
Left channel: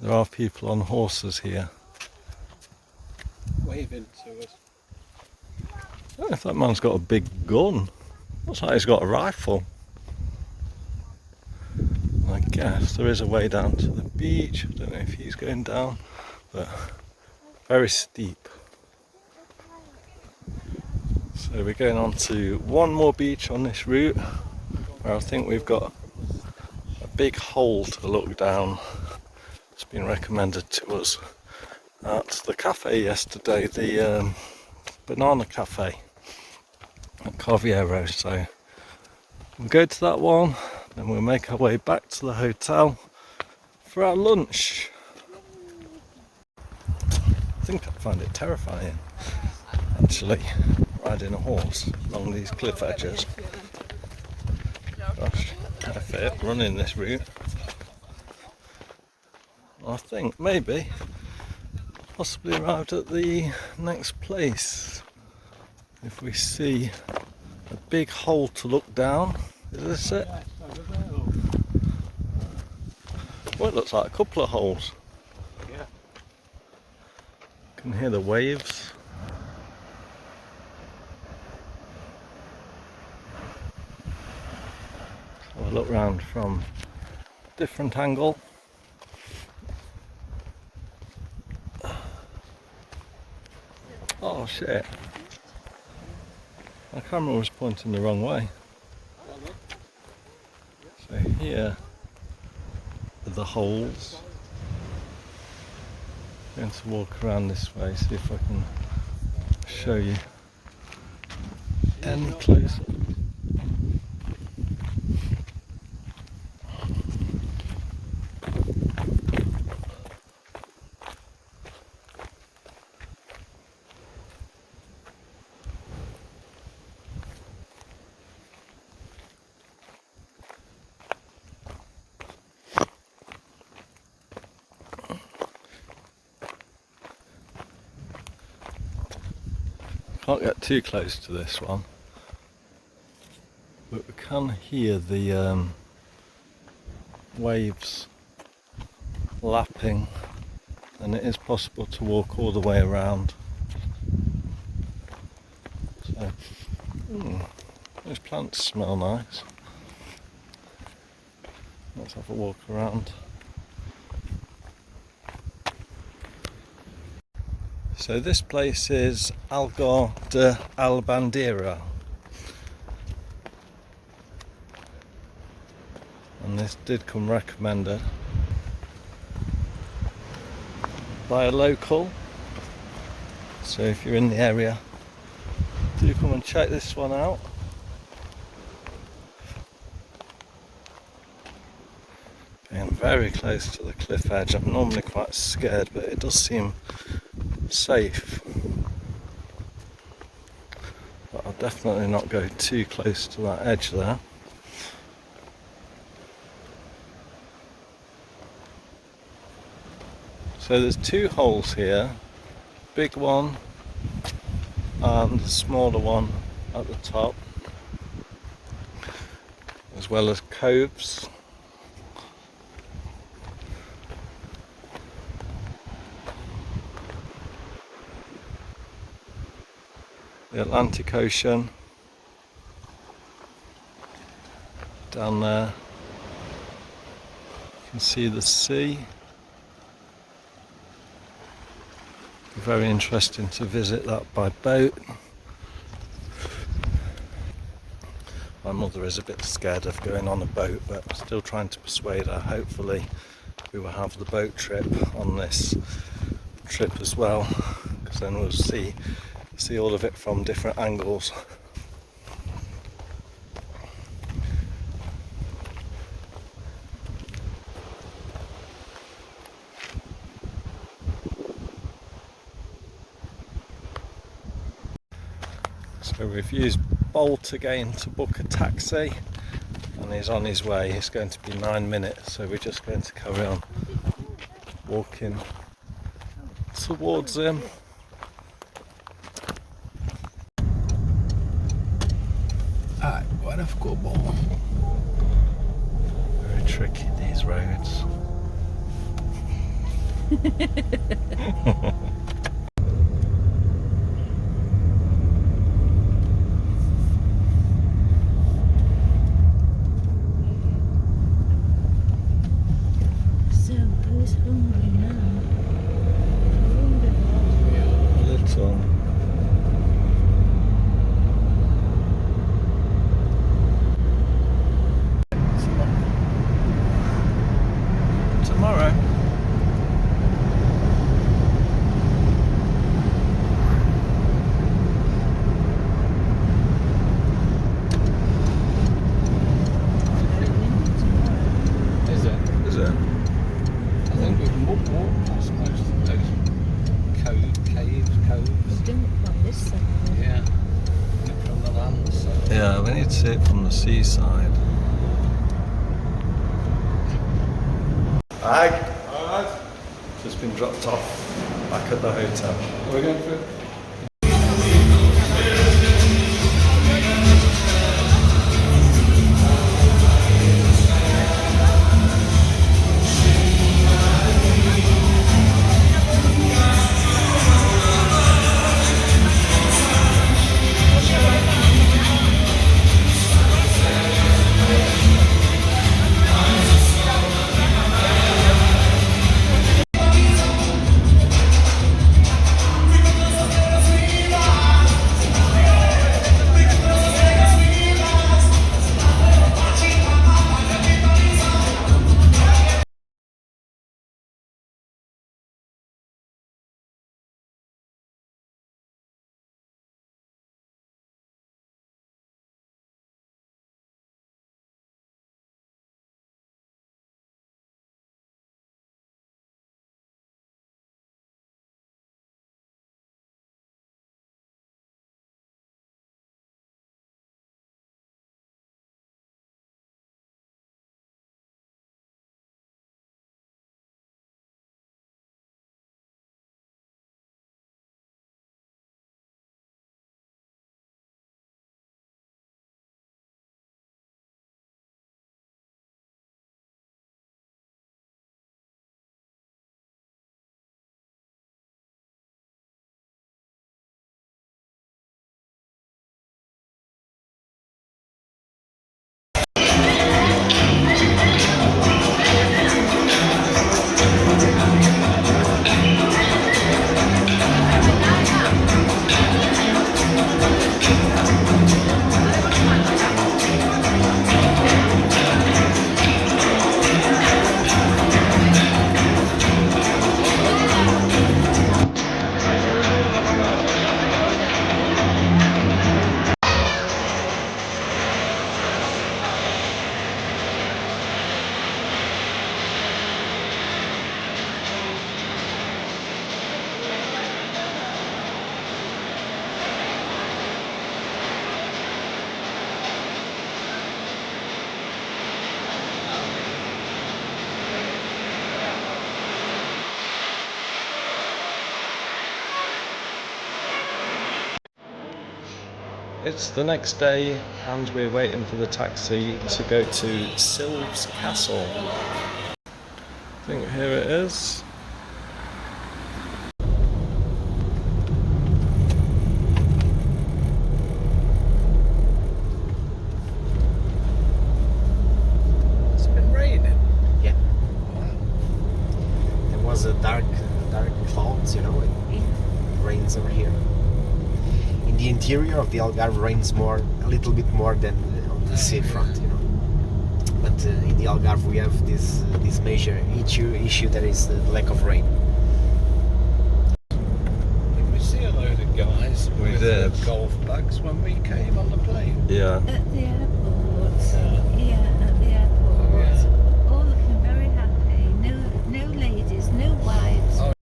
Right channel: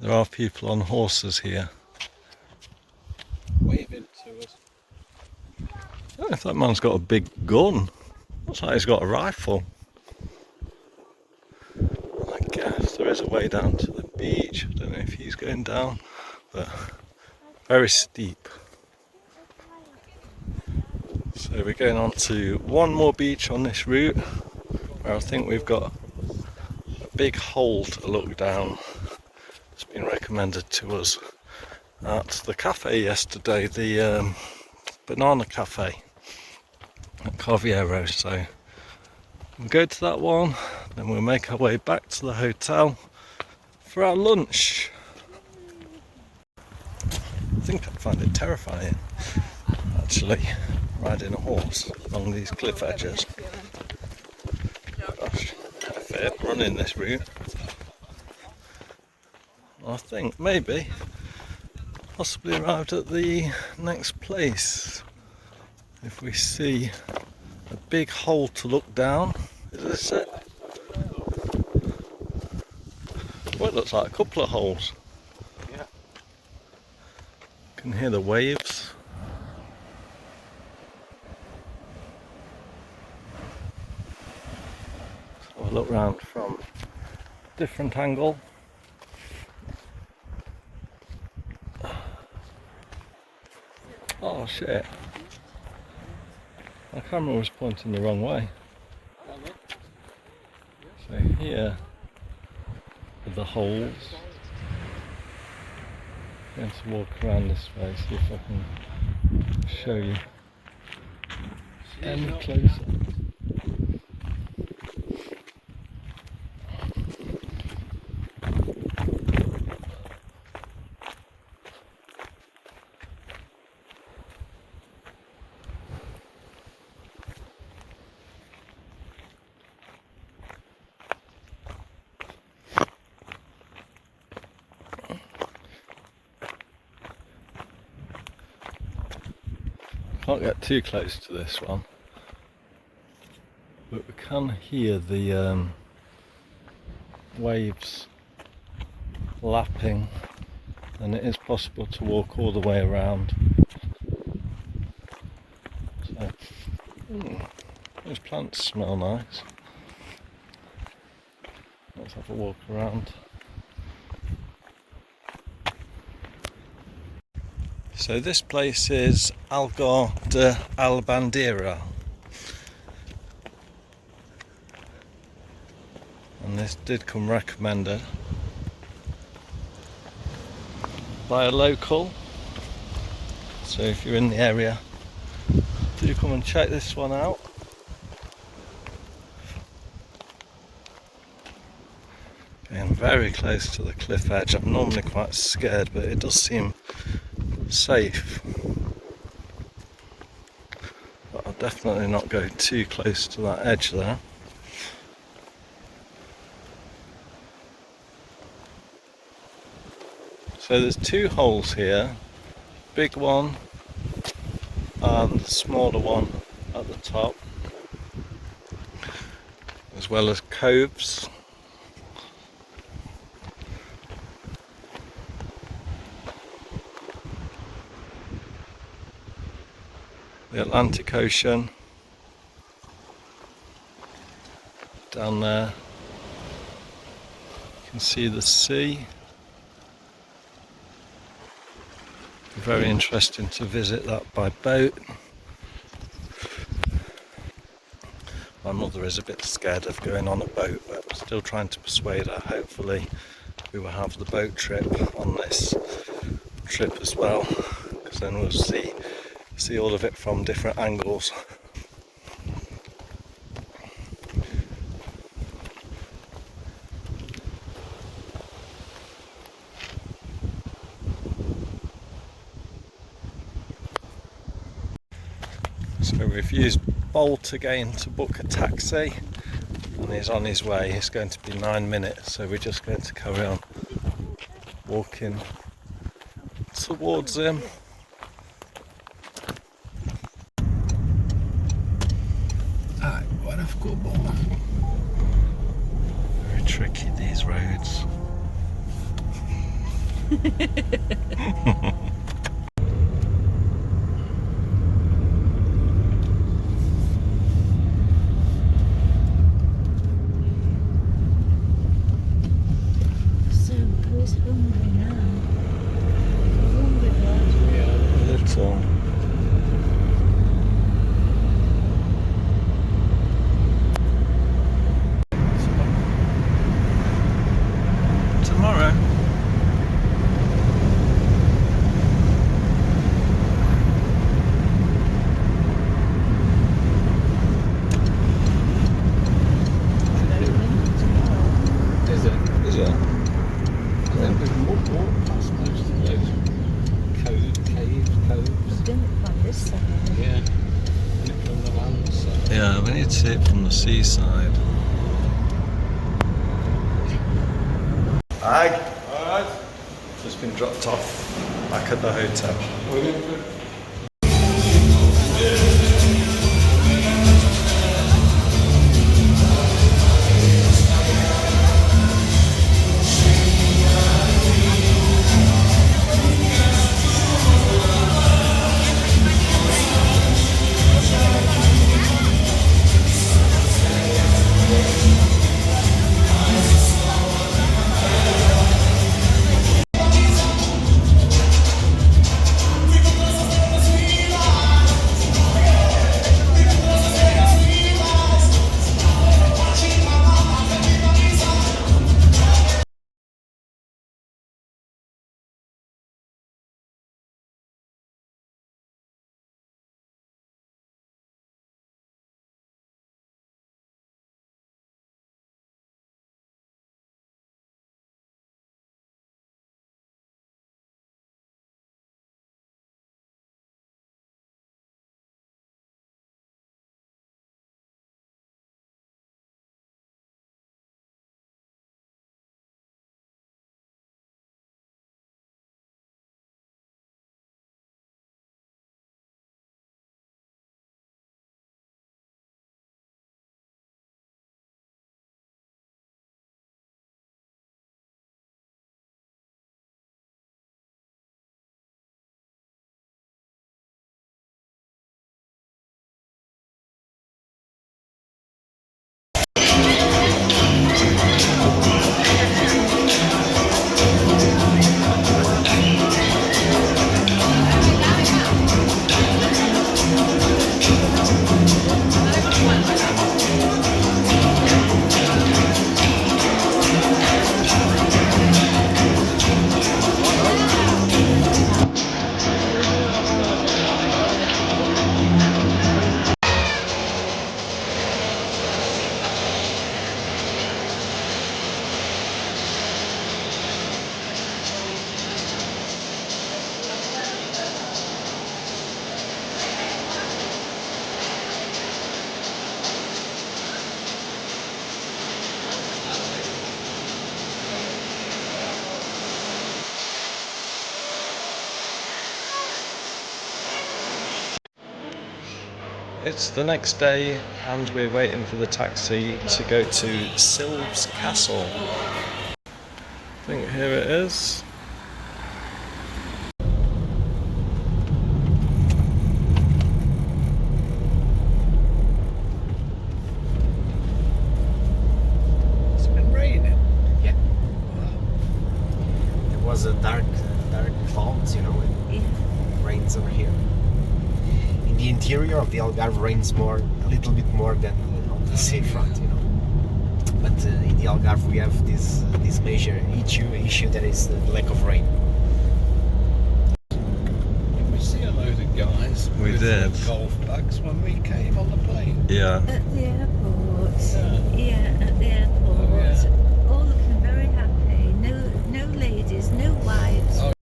there are people on horses here. waving to us. I don't know if that man's got a big gun. Looks like he's got a rifle. I guess there is a way down to the beach. I don't know if he's going down, but very steep. So we're going on to one more beach on this route, where I think we've got a big hole to look down. It's been recommended to us at the cafe yesterday, the banana cafe at Carviero. So we'll go to that one, then we'll make our way back to the hotel for our lunch. I think I find it terrifying, actually, riding a horse along these cliff edges. Gosh, if it running this route, I think maybe possibly arrived at the next place. If we see a big hole to look down, is this it? Well, it looks like a couple of holes. Yeah. Can hear the waves. Have a look round from a different angle. Oh shit. My camera was pointing the wrong way. So here are the holes. I'm going to walk around this way, see if I can show you any closer. Can't get too close to this one, but we can hear the waves lapping, and it is possible to walk all the way around. So, those plants smell nice. Let's have a walk around. So this place is Algarve de Albandera, and this did come recommended by a local, so if you're in the area, do come and check this one out. Getting very close to the cliff edge. I'm normally quite scared, but it does seem safe. But I'll definitely not go too close to that edge there. So there's two holes here, big one and the smaller one at the top, as well as coves. The Atlantic Ocean down there, you can see the sea. Very interesting to visit that by boat. My mother is a bit scared of going on a boat, but I'm still trying to persuade her. Hopefully we will have the boat trip on this trip as well, because then we'll see all of it from different angles. So we've used Bolt again to book a taxi, and he's on his way. It's going to be 9 minutes, so we're just going to carry on walking towards him. Very tricky, these roads. we need to see it from the seaside. Hi. Alright. Just been dropped off back at the hotel. Brilliant. It's the next day and we're waiting for the taxi to go to Silves Castle. I think here it is. It's been raining. Yeah. There was a dark clouds, you know, it rains over here. In the interior of the Algarve rains a little bit more than on the seafront, you know. But in the Algarve we have this major issue that is the lack of rain. Did we see a load of guys We with did. golf bags when we came on the plane? Yeah. At the airport. Yeah. Yeah, at the airport. Oh, yeah. All looking very happy. No ladies, no wives. Oh.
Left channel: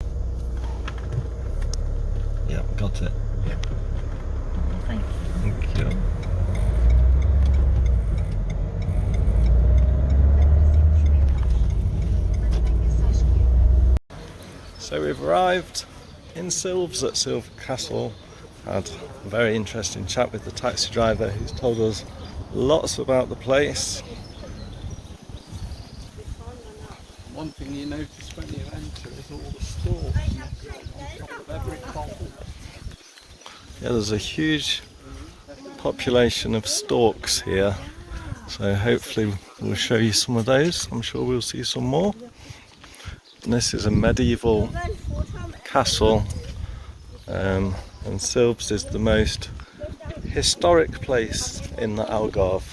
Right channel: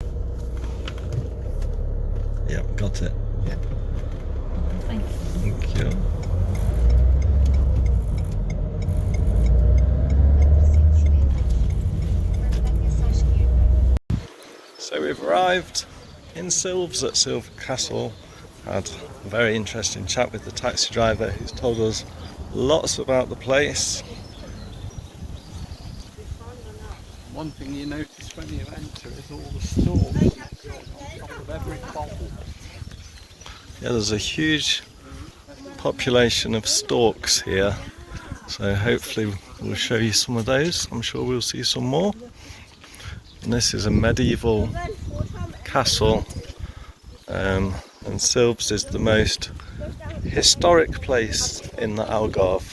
Yeah, got it. Thank you. Thank you. So we've arrived in Silves at Silves Castle. Had a very interesting chat with the taxi driver who's told us lots about the place. One thing you notice when you enter is all the stores on top of every pole. Yeah, there's a huge population of storks here, so hopefully we'll show you some of those. I'm sure we'll see some more. And this is a medieval castle, and Silves is the most historic place in the Algarve.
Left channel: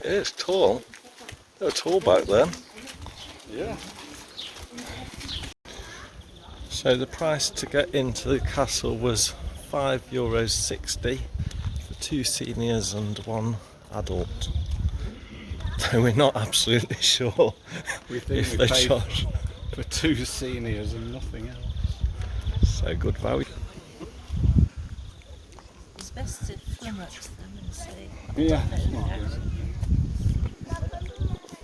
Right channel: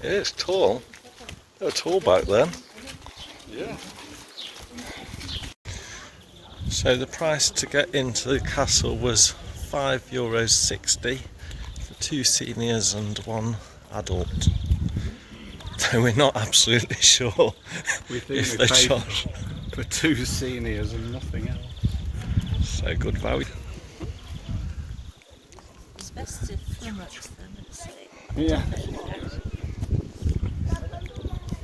It's tall. They're tall back then. Yeah. So the price to get into the castle was €5.60 for 2 seniors and 1 adult. So we're not absolutely sure We think if we they paid charge. for 2 seniors and nothing else. So good value. It's best to flummox them and say, Yeah.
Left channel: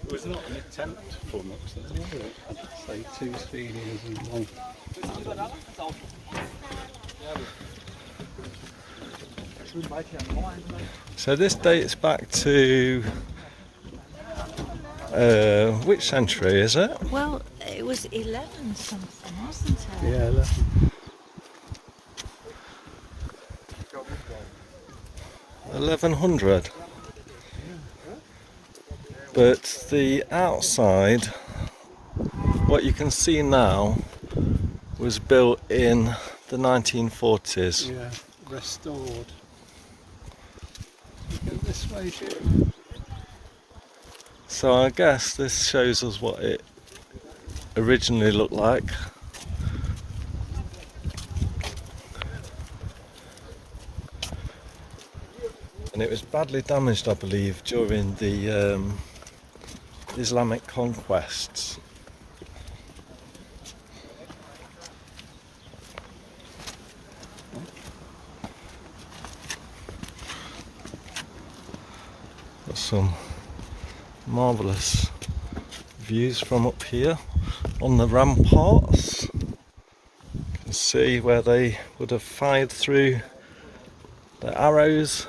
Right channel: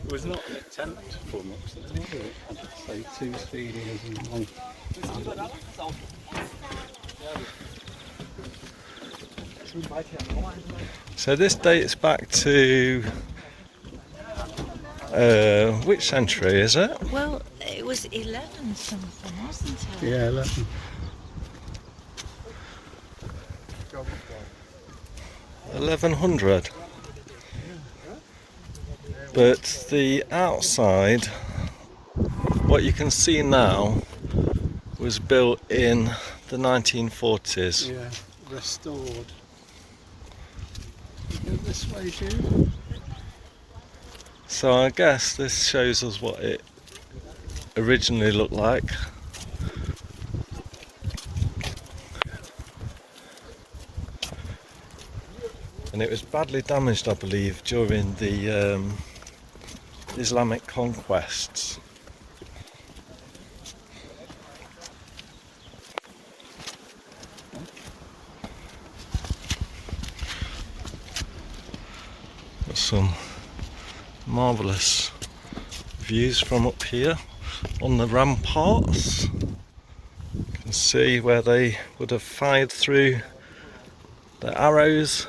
It was not an attempt for much then, was it? I'd say 2 seniors and 1. So this dates back to which century is it? well, it was 11 something, wasn't it? Yeah, 11. 1100. But the outside, what you can see now, was built in the 1940s. Yeah, restored. You go this way, Jude. So I guess this shows us what it originally looked like. And it was badly damaged, I believe, during the Islamic conquests. Got some marvellous views from up here on the ramparts. You can see where they would have fired through the arrows.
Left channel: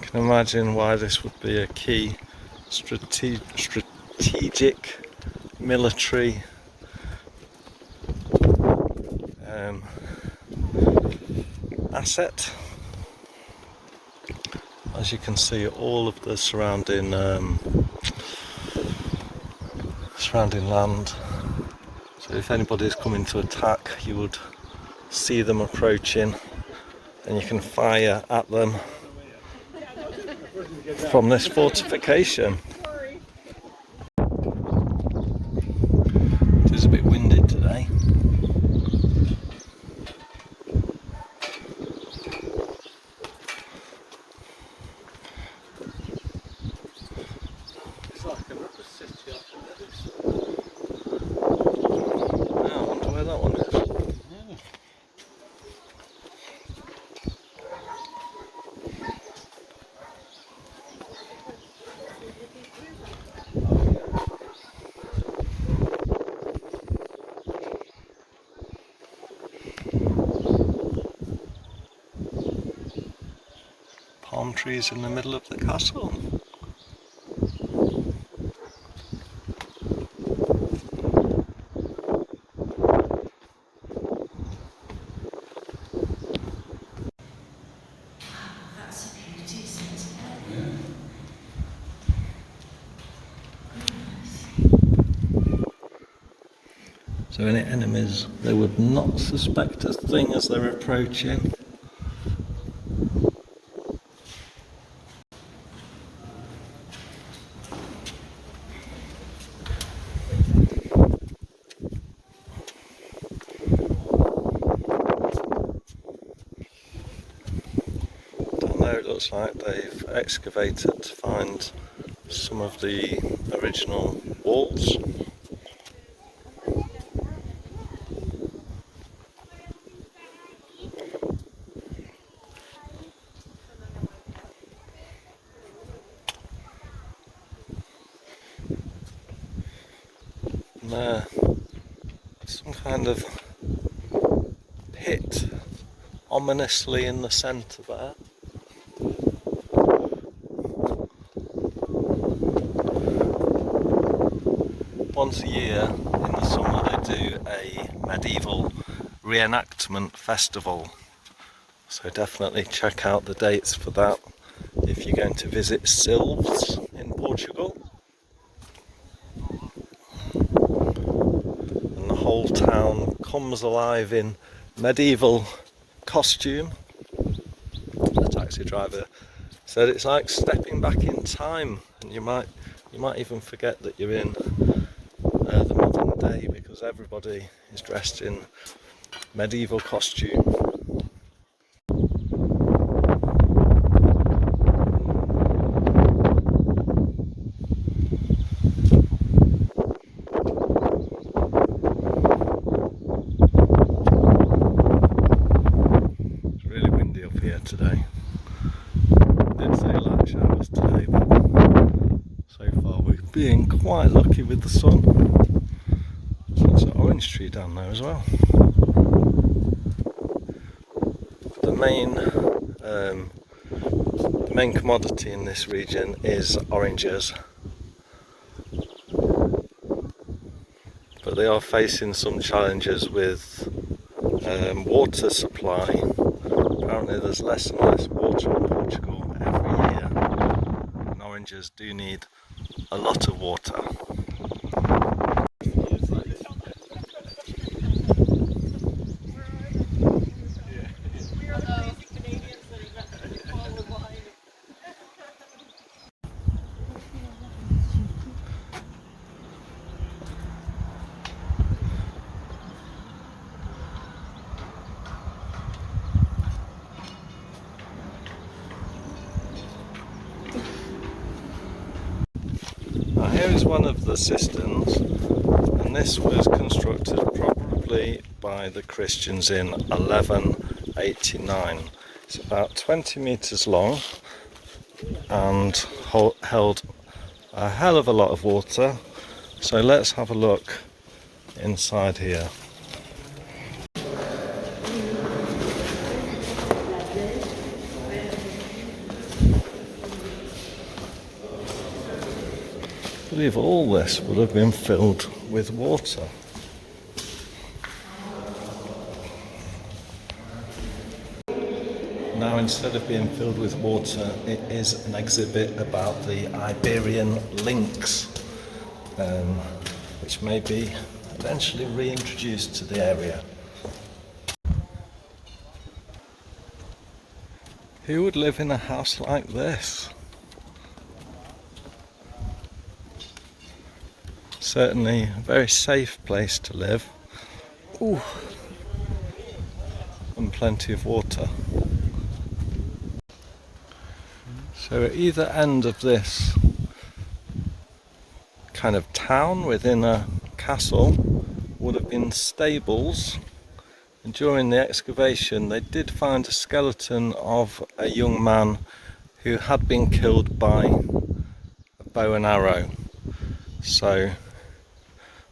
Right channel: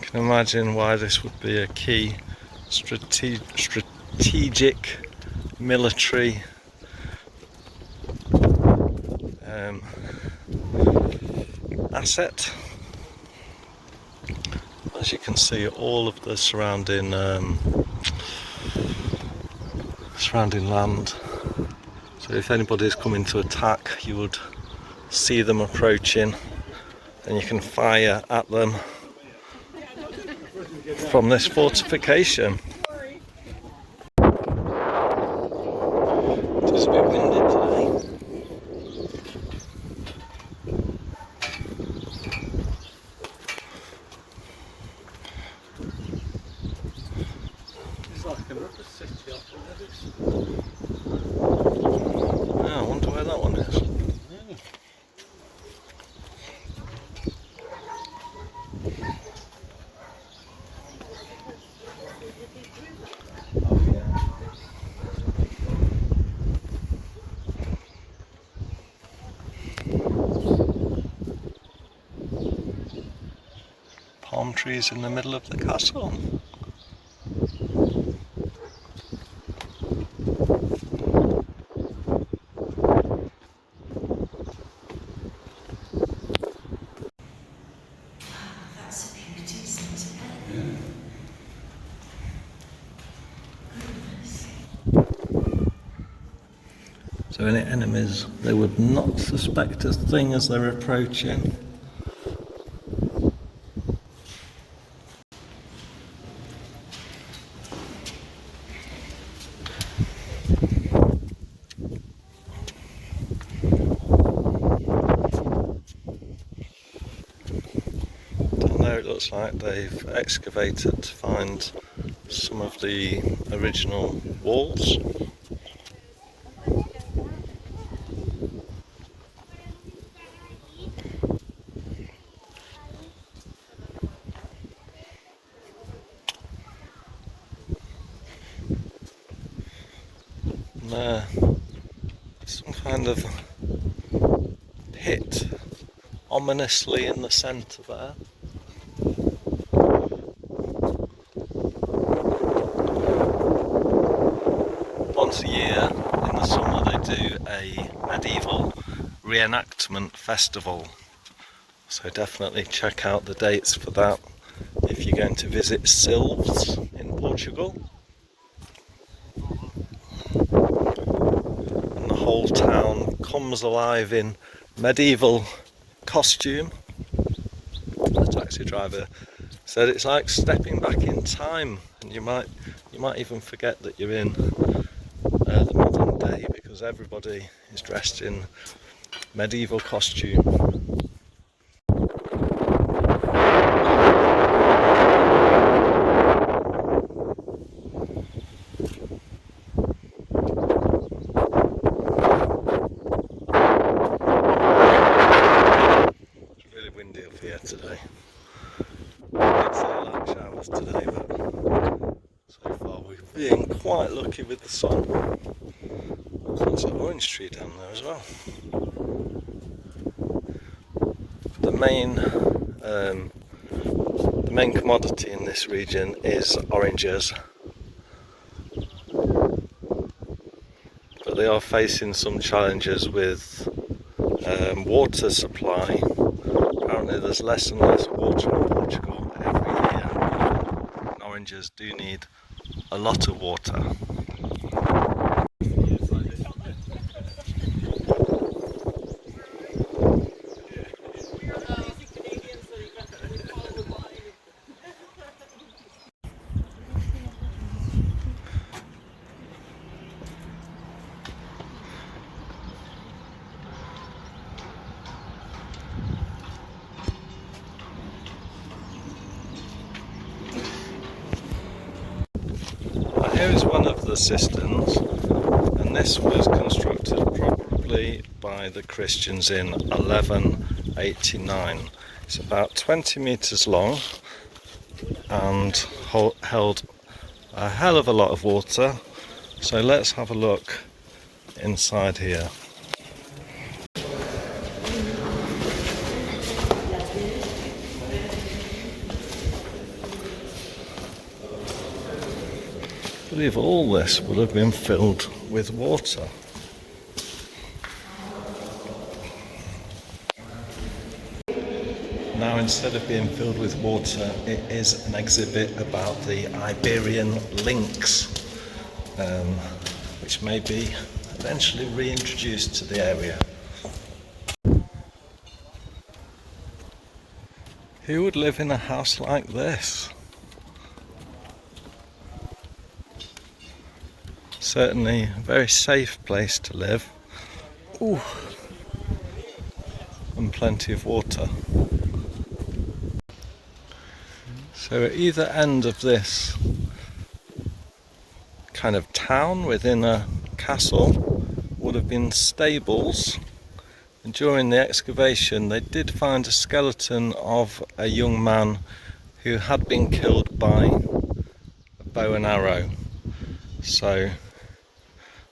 You can imagine why this would be a key strategic military asset. As you can see, all of the surrounding land. So if anybody's coming to attack, you would see them approaching, and you can fire at them from this fortification. It is a bit windy today. It's like another city off of this. Yeah, I wonder where that one is. Yeah. Palm trees in the middle of the castle. That's a beauty, isn't it? So any enemies, they would not suspect a thing as they're approaching. Down there it looks like they've excavated to find some of the original walls. And there, some kind of pit ominously in the centre there. Once a year in the summer they do a medieval reenactment festival, so definitely check out the dates for that if you're going to visit Silves in Portugal. And the whole town comes alive in medieval costume. taxi driver said it's like stepping back in time, and you might even forget that you're in the modern day because everybody is dressed in medieval costume. It's really windy up here today. It did feel like showers today, but so far we've been quite lucky with the sun. There's an orange tree down there as well. The main commodity in this region is oranges, but they are facing some challenges with water supply. Apparently there's less and less water in Portugal every year, and oranges do need a lot of water. Now here is one of the cisterns, and this was constructed probably by the Christians in 1189. It's about 20 meters long and held a hell of a lot of water. So let's have a look inside here. I believe all this would have been filled with water. Now, instead of being filled with water, it is an exhibit about the Iberian lynx, which may be eventually reintroduced to the area. Who would live in a house like this? Certainly a very safe place to live. Ooh. And plenty of water. So at either end of this kind of town within a castle would have been stables, and during the excavation they did find a skeleton of a young man who had been killed by a bow and arrow. So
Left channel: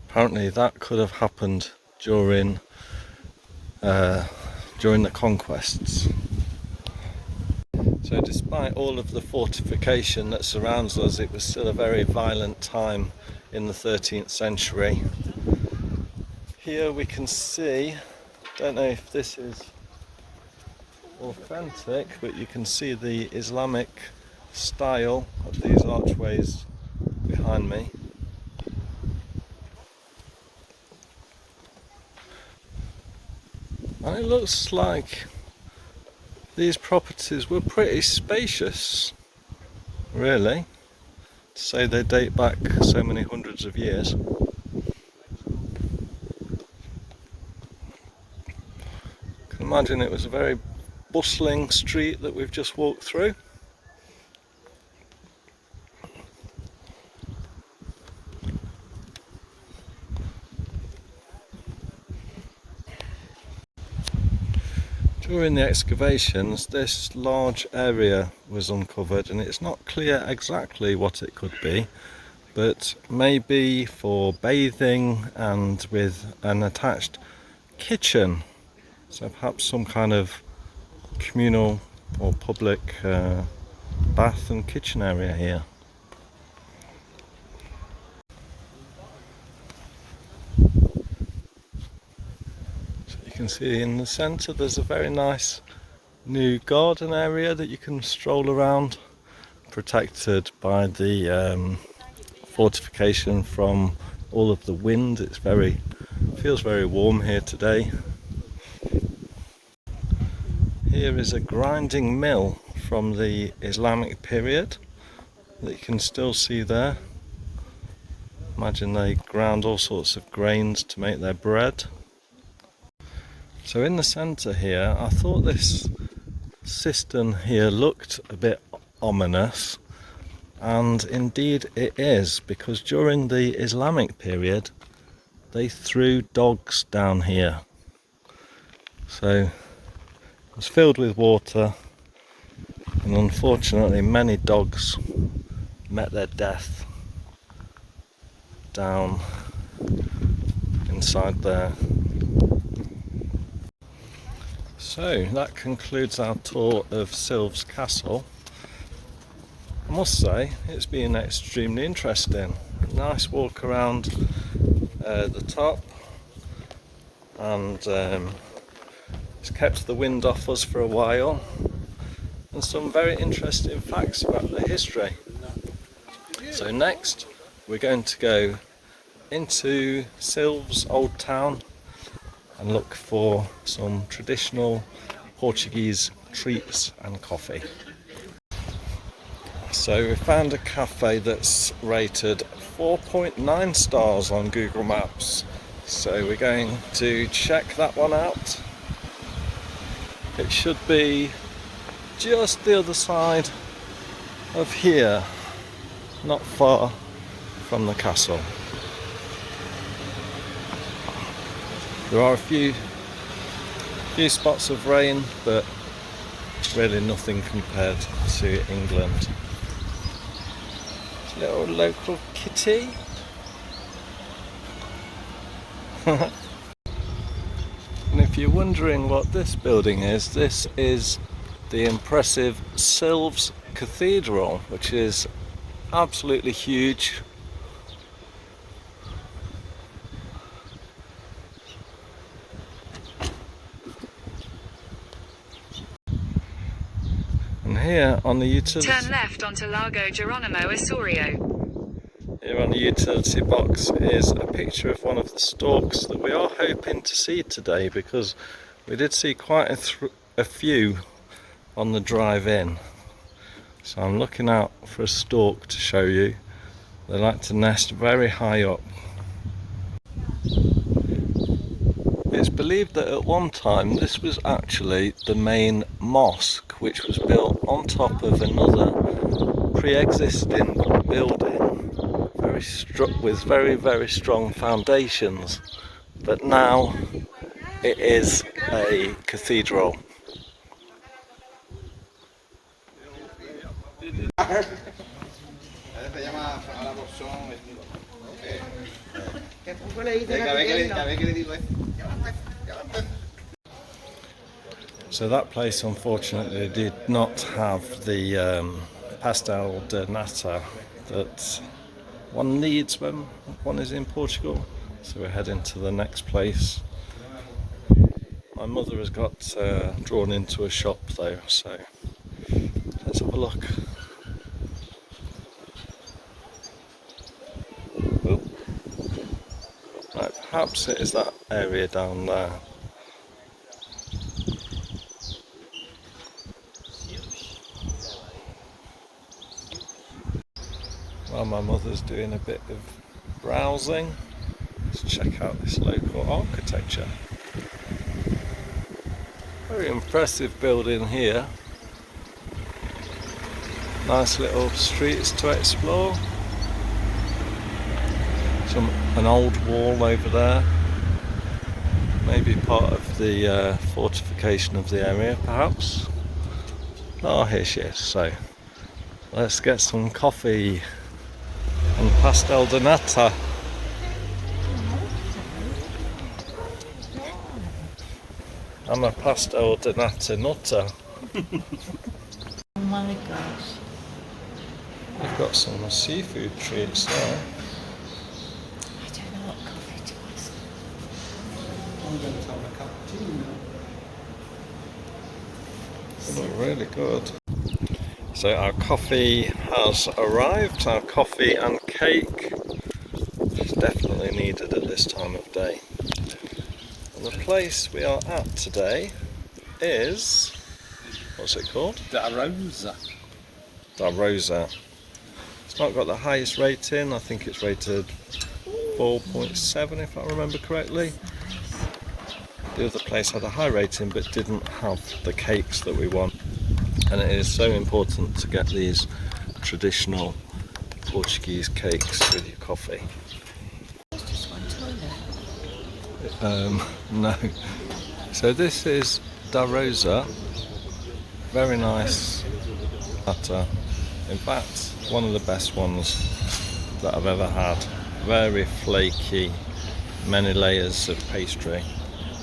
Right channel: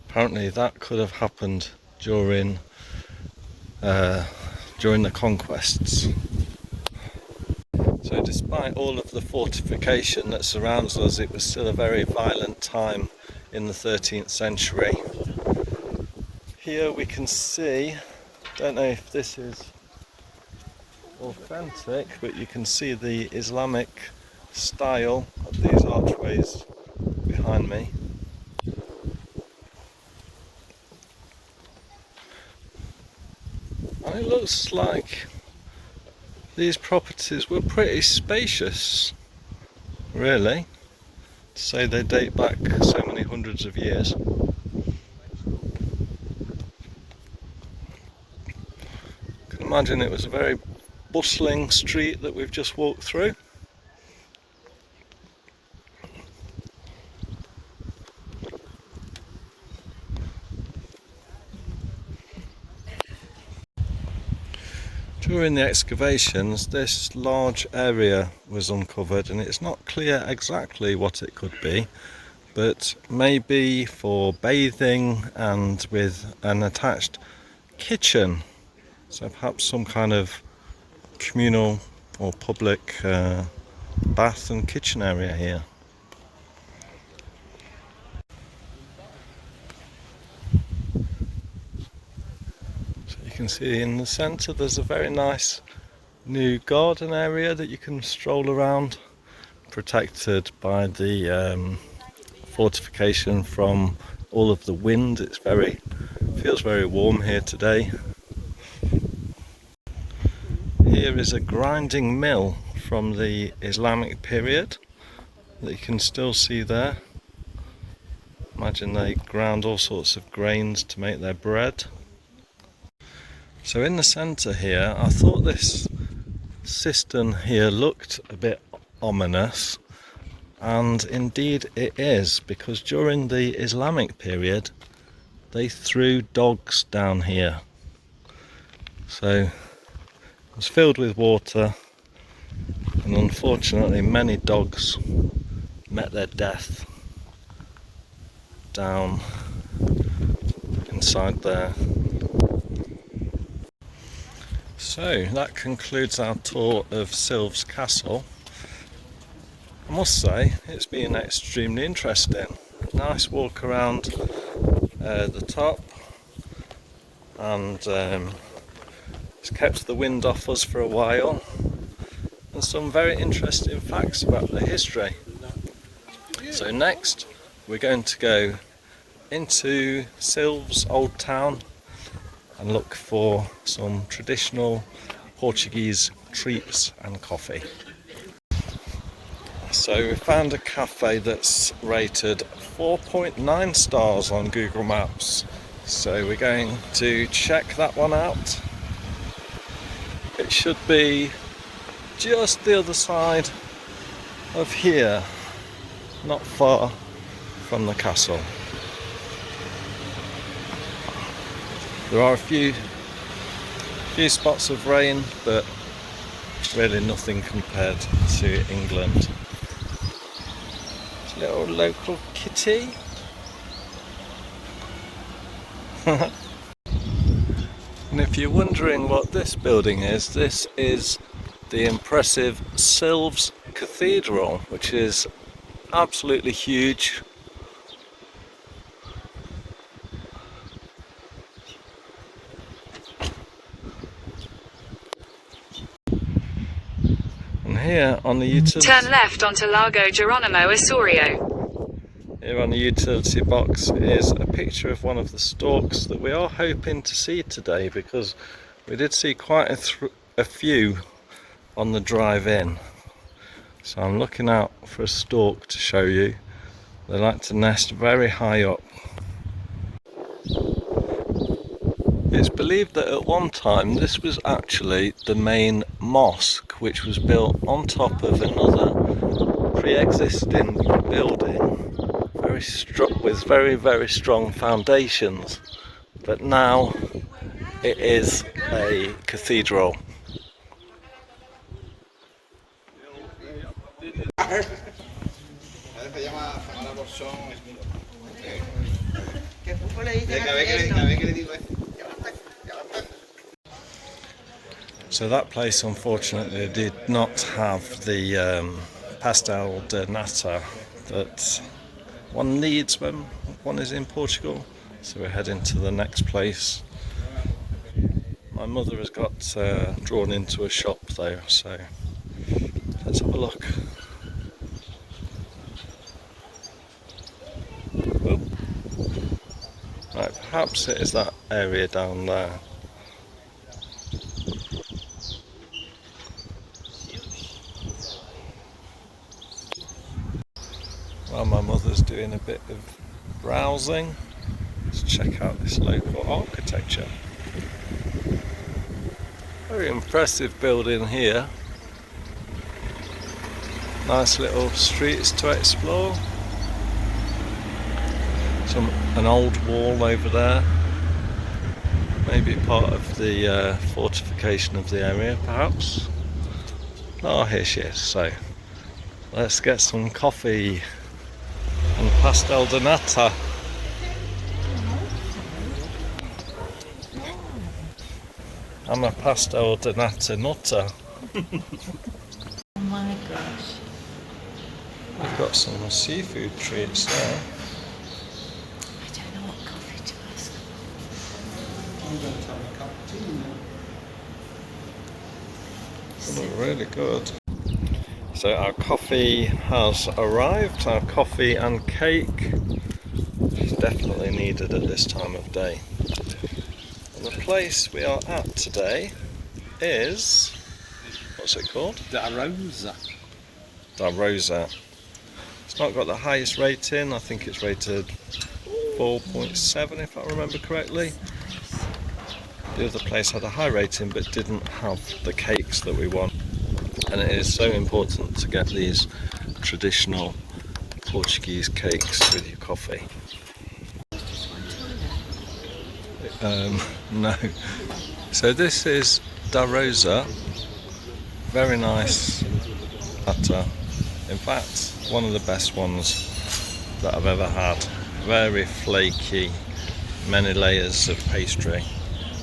apparently that could have happened during the conquests. So despite all of the fortification that surrounds us, it was still a very violent time in the 13th century. Here we can see, don't know if this is authentic, but you can see the Islamic style of these archways behind me. And it looks like these properties were pretty spacious, really, to say they date back so many hundreds of years. I can imagine it was a very bustling street that we've just walked through. During the excavations, this large area was uncovered, and it's not clear exactly what it could be, but maybe for bathing and with an attached kitchen. So perhaps some kind of communal or public bath and kitchen area here. You can see in the centre there's a very nice new garden area that you can stroll around, protected by the fortification from all of the wind. Feels very warm here today. Here is a grinding mill from the Islamic period that you can still see there. Imagine they ground all sorts of grains to make their bread. So in the centre here, I thought this cistern here looked a bit ominous, and indeed it is, because during the Islamic period they threw dogs down here. So it was filled with water, and unfortunately many dogs met their death down inside there. So that concludes our tour of Silves Castle. I must say it's been extremely interesting. Nice walk around the top, and it's kept the wind off us for a while, and some very interesting facts about the history. So next we're going to go into Silves Old Town and look for some traditional Portuguese treats and coffee. So we found a cafe that's rated 4.9 stars on Google Maps, so we're going to check that one out. It should be just the other side of here, not far from the castle. There are a few spots of rain, but really nothing compared to England. Little local kitty. And if you're wondering what this building is, this is the impressive Silves Cathedral, which is absolutely huge. And here on the utility... Turn left onto Largo Geronimo Osorio. Here on the utility box is a picture of one of the storks that we are hoping to see today, because we did see quite a few on the drive in. So I'm looking out for a stork to show you. They like to nest very high up. It's believed that at one time this was actually the main mosque, which was built on top of another pre-existing building, with very strong foundations, but now it is a cathedral. So that place unfortunately did not have the pastel de nata that one needs when one is in Portugal. So we're heading to the next place. My mother has got drawn into a shop though, so let's have a look. Oop. Right, perhaps it is that area down there. While my mother's doing a bit of browsing, let's check out this local architecture. Very impressive building here. Nice little streets to explore. An old wall over there. Maybe part of the fortification of the area, perhaps. Oh, here she is. So let's get some coffee and pastel de nata. I'm a pastel de nata nutter. Oh my gosh. We've got some seafood treats there. I don't know what coffee to ask. I'm going to have a cup of tea now. They look really good. So our coffee has arrived, our coffee and cake, which is definitely needed at this time of day. And the place we are at today is What's it called? Da Rosa. Da Rosa. It's not got the highest rating. I think it's rated 4.7 if I remember correctly. The other place had a high rating but didn't have the cakes that we want. And it is so important to get these traditional Portuguese cakes with your coffee. No. So this is Da Rosa. Very nice batter. In fact, one of the best ones that I've ever had. Very flaky, many layers of pastry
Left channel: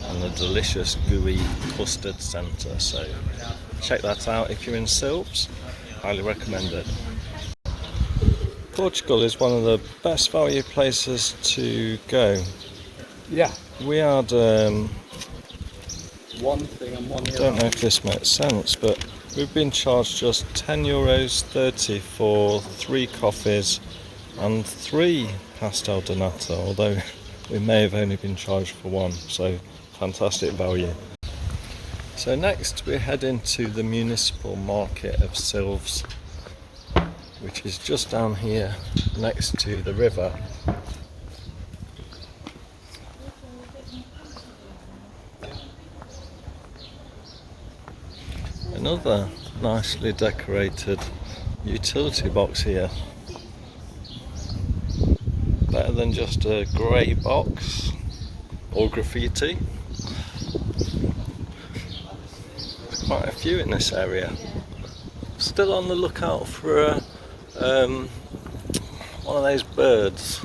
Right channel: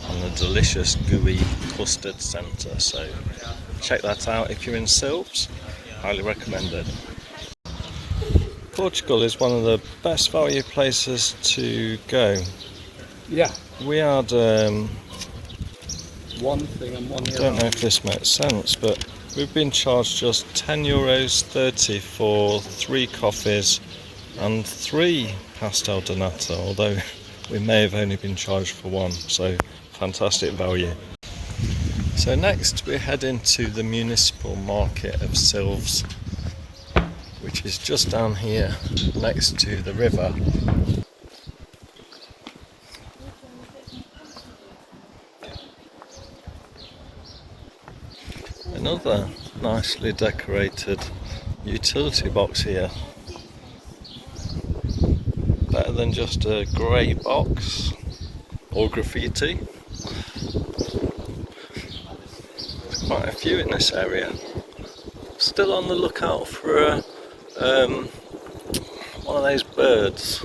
and a delicious gooey custard centre. So check that out if you're in Silves. Highly recommended. Portugal is one of the best value places to go. Yeah. We had, One thing and one I don't know if this makes sense, but we've been charged just €10.30 for 3 coffees and 3 pastel de nata, although we may have only been charged for 1, so fantastic value. So next we're heading to the municipal market of Silves, which is just down here next to the river. Another nicely decorated utility box here. Better than just a grey box or graffiti. There's quite a few in this area. Still on the lookout for one of those birds.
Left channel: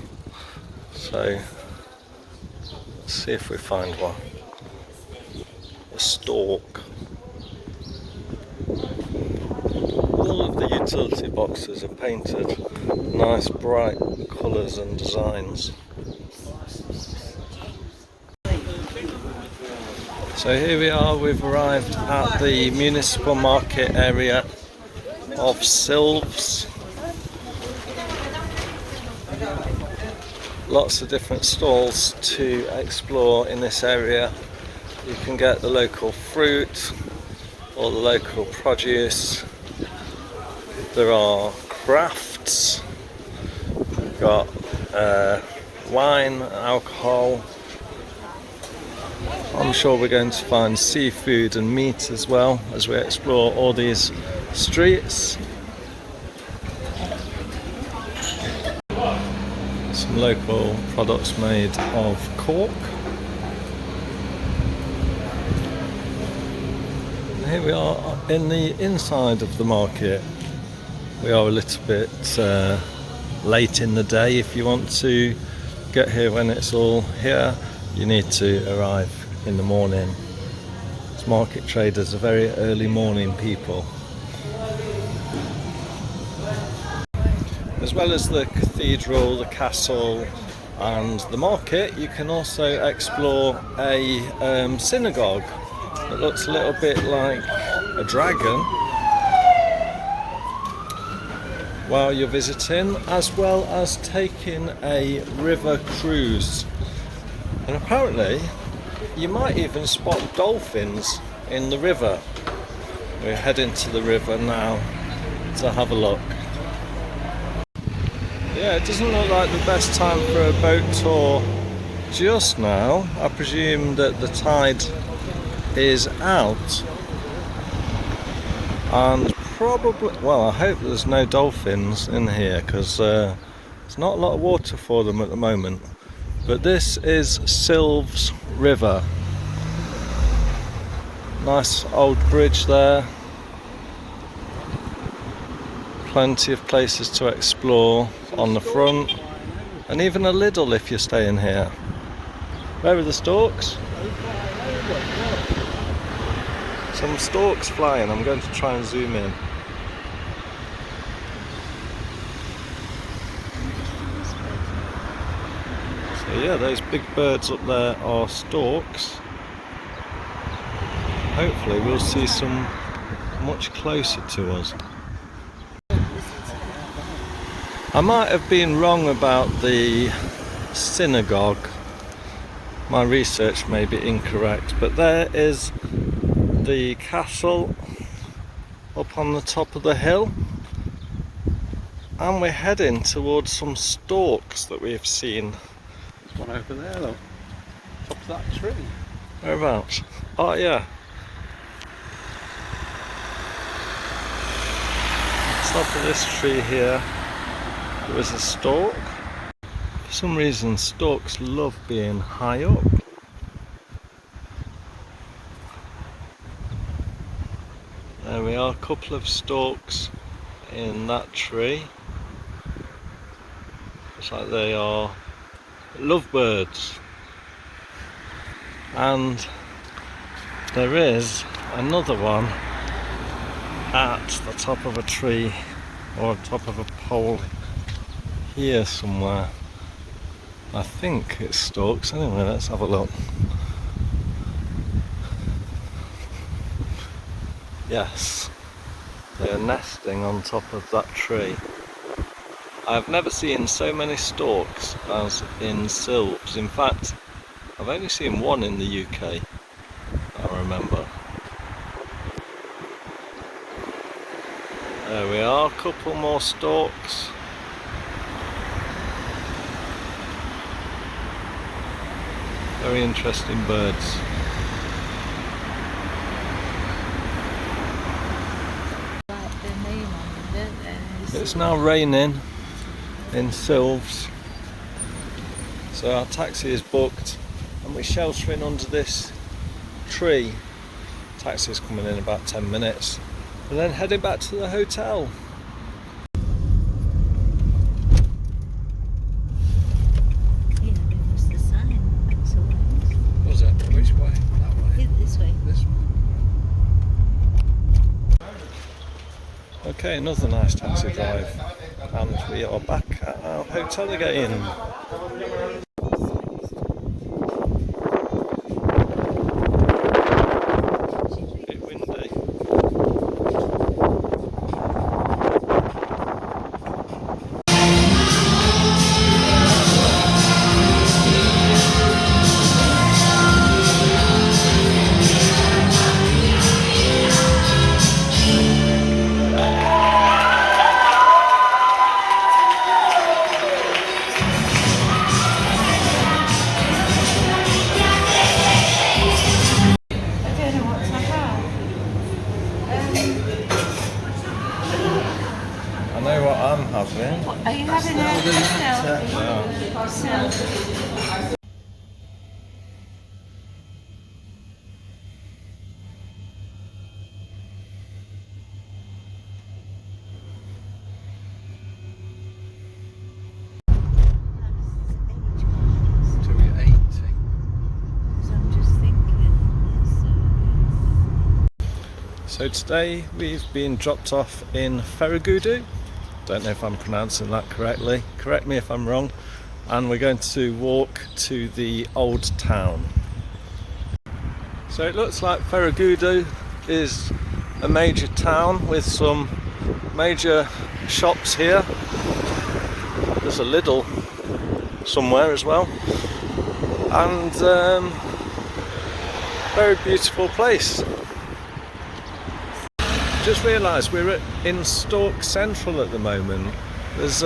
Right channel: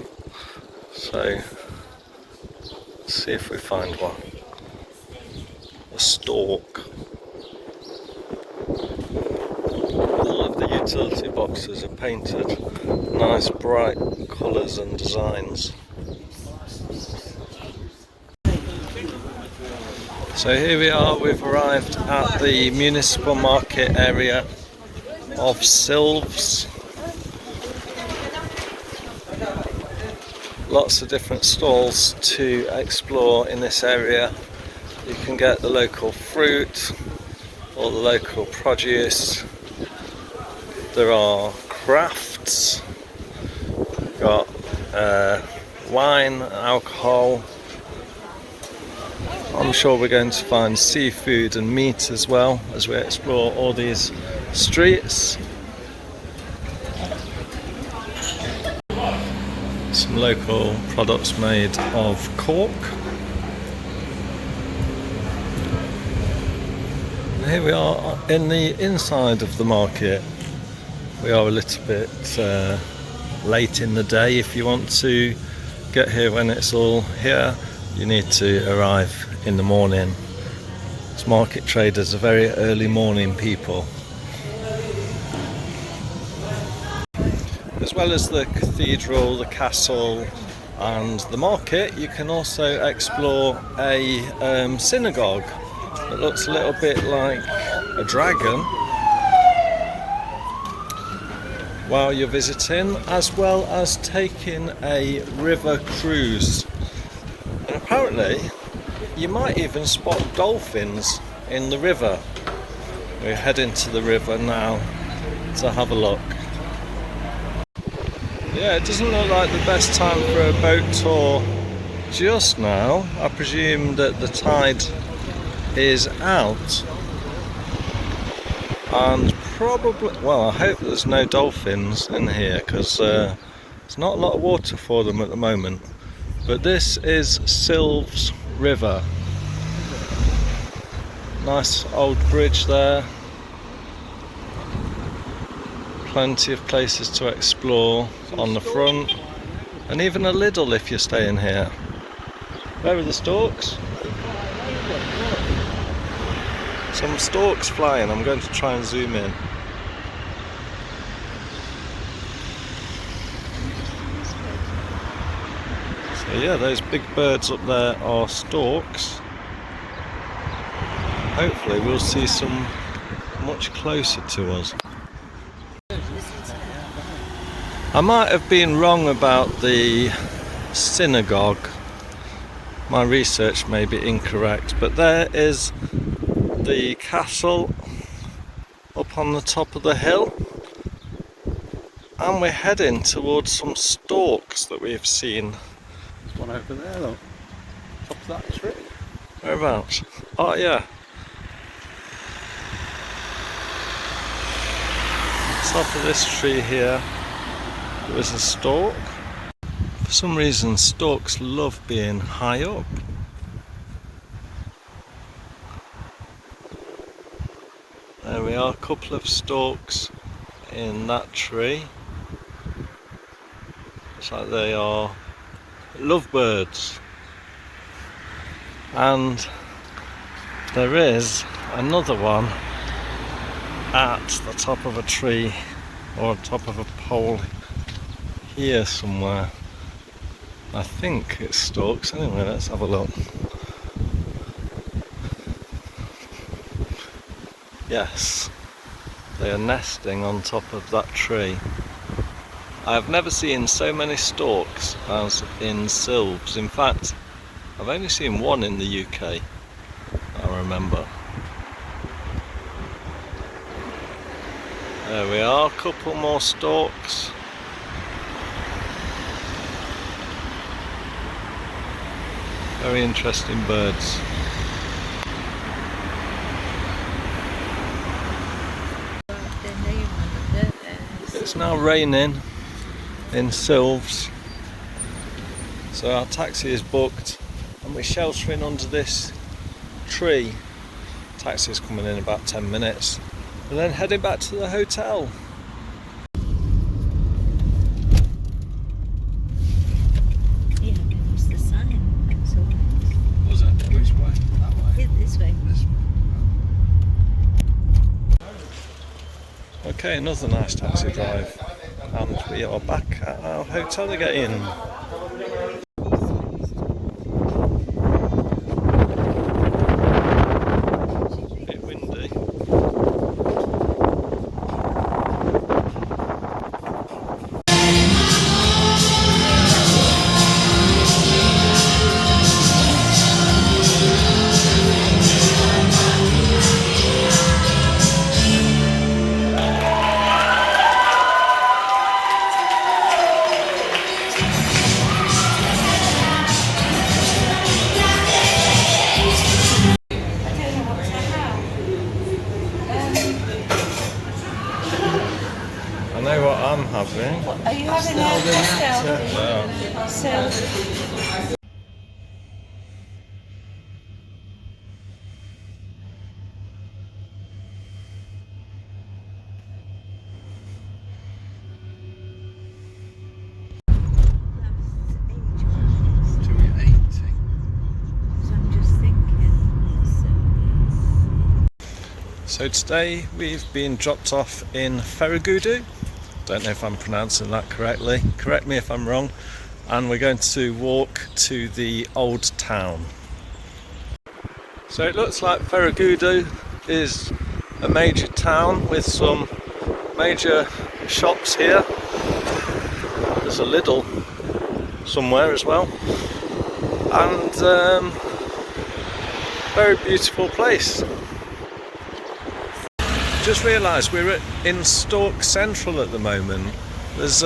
So let's see if we find one. A stork. All of the utility boxes are painted nice bright colours and designs. So here we are, we've arrived at the municipal market area of Silves. Lots of different stalls to explore in this area. You can get the local fruit or the local produce. There are crafts, got wine, alcohol. I'm sure we're going to find seafood and meat as well as we explore all these streets. Some local products made of cork. Here we are in the inside of the market. We are a little bit late in the day. If you want to get here when it's all here, you need to arrive in the morning. As market traders are very early morning people. As well as the cathedral, the castle and the market, you can also explore a synagogue that looks a little bit like a dragon while you're visiting, as well as taking a river cruise. And apparently you might even spot dolphins in the river. We're heading to the river now to have a look. Yeah, it doesn't look like the best time for a boat tour just now. I presume that the tide is out, and probably, well, I hope there's no dolphins in here because there's not a lot of water for them at the moment. But this is Silves River. Nice old bridge there. Plenty of places to explore on the front, and even a Lidl if you're staying here. Where are the storks? Some storks flying. I'm going to try and zoom in. So yeah, those big birds up there are storks. Hopefully we'll see some much closer to us. I might have been wrong about the synagogue. My research may be incorrect, but there is the castle up on the top of the hill, and we're heading towards some storks that we've seen. There's one over there, look. Top of that tree. Whereabouts? Oh yeah. Top of this tree here, there was a stork. For some reason, storks love being high up. There we are, a couple of storks in that tree. Looks like they are lovebirds. And there is another one at the top of a tree or top of a pole here somewhere. I think it's storks. Anyway, let's have a look. Yes, they are nesting on top of that tree. I've never seen so many storks as in Silves. In fact, I've only seen one in the UK, I remember. There we are, a couple more storks. Very interesting birds. It's now raining in Silves, so our taxi is booked and we're sheltering under this tree. Taxi is coming in about 10 minutes and then heading back to the hotel. Yeah, there was the sign. That's all right. Was it? Which way? That way? This way. This way. Okay, another nice taxi drive, and we are back at our hotel again. A bit windy. I know what I'm having. Are you having a pastel? Yeah. So, Till you're 80. I'm just thinking. So today we've been dropped off in Ferragudu. Don't know if I'm pronouncing that correctly. Correct me if I'm wrong. And we're going to walk to the old town. So it looks like Ferragudu is a major town with some major shops here. There's a Lidl somewhere as well. And very beautiful place. Just realised we're in Stork Central at the moment. There's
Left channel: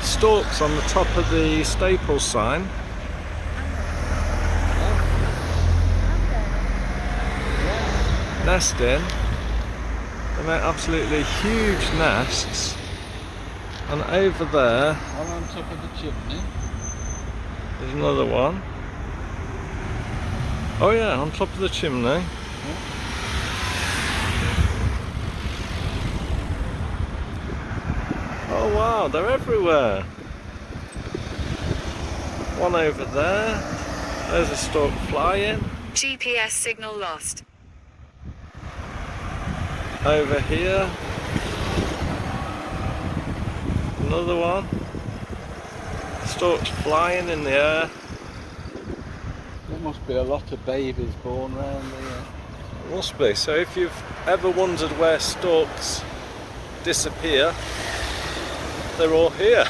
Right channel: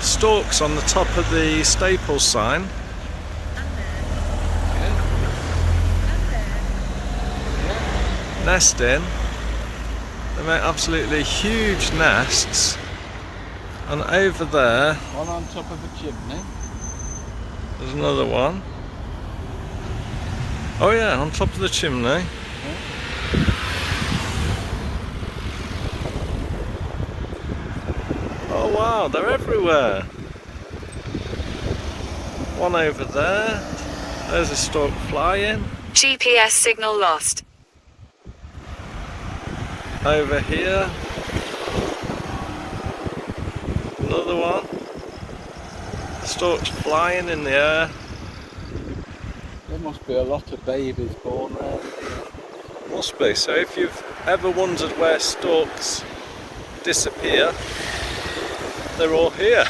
storks on the top of the Staples sign. Nesting. They make absolutely huge nests. And over there, One on top of the chimney. there's another one. Oh yeah, on top of the chimney. Oh wow, they're everywhere. One over there. There's a stork flying. GPS signal lost. Over here. Another one. Storks flying in the air. There must be a lot of babies born there. Must be. So if you've ever wondered where storks disappear, they're all here.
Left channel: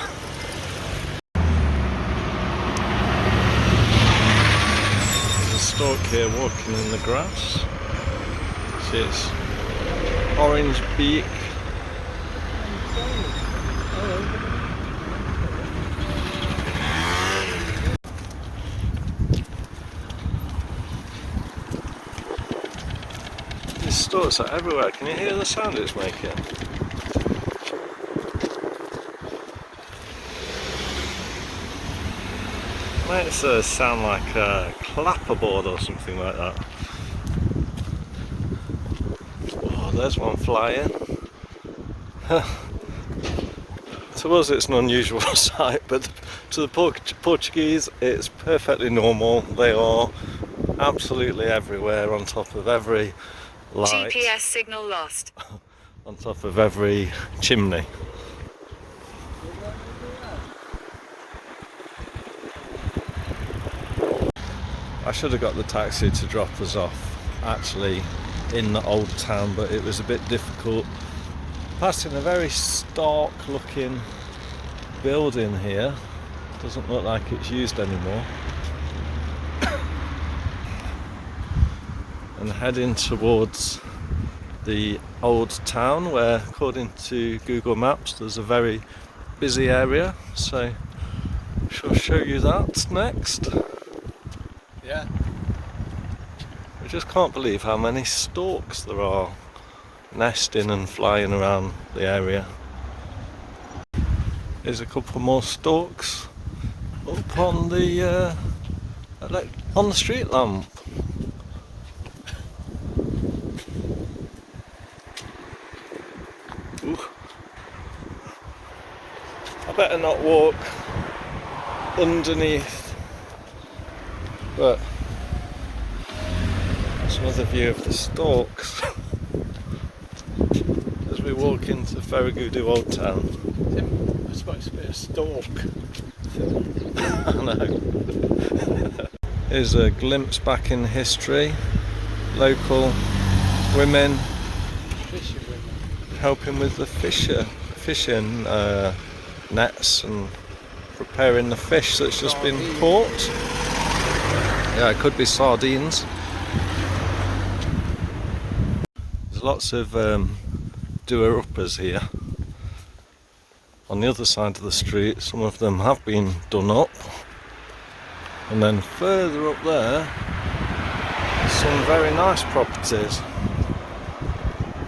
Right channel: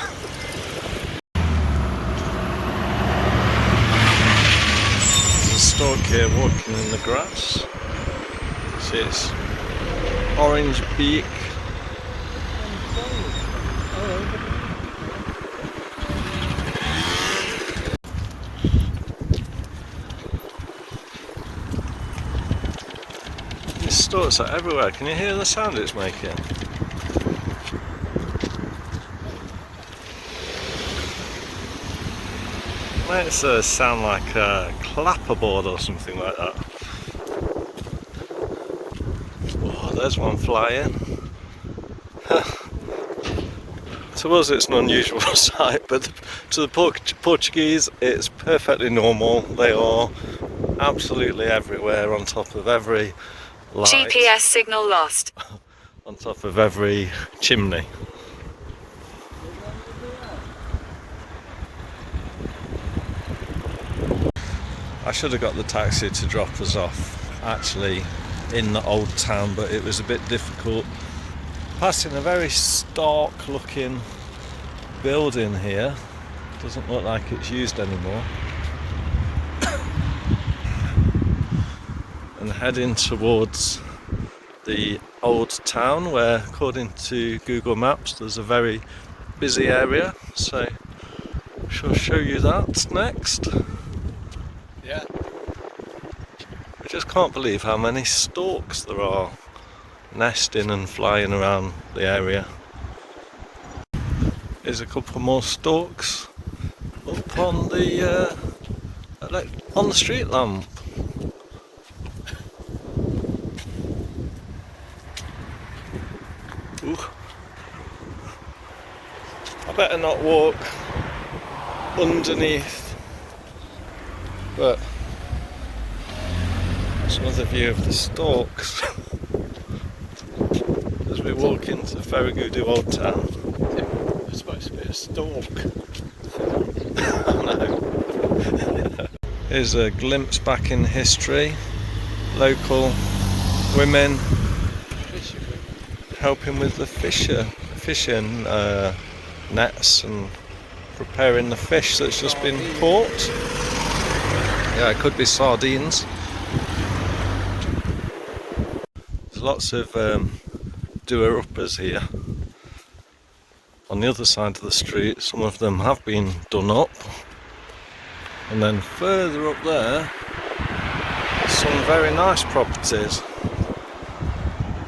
There's a stork here walking in the grass. She's orange beak. These storks are everywhere. Can you hear the sound it's making? Makes it sound like a clapperboard or something like that. Whoa, there's one flying. To us it's an unusual sight, but to the Portuguese it's perfectly normal. They are absolutely everywhere, on top of every light, GPS signal lost. on top of every chimney. I should have got the taxi to drop us off actually in the old town, but it was a bit difficult. Passing a very stark looking building here. Doesn't look like it's used anymore. And heading towards the old town, where according to Google Maps there's a very busy area, so I shall show you that next. Yeah. I just can't believe how many storks there are nesting and flying around the area. There's a couple more storks up on the street lamp. Ooh. I better not walk underneath, but it's another view of the storks as we walk into Ferragudu Old Town. It's supposed to be a stork. I know. Here's a glimpse back in history. Local women helping with the fishing nets and preparing the fish that's just been caught. Yeah, it could be sardines. There's lots of doer-uppers here. On the other side of the street, some of them have been done up. And then further up there, some very nice properties.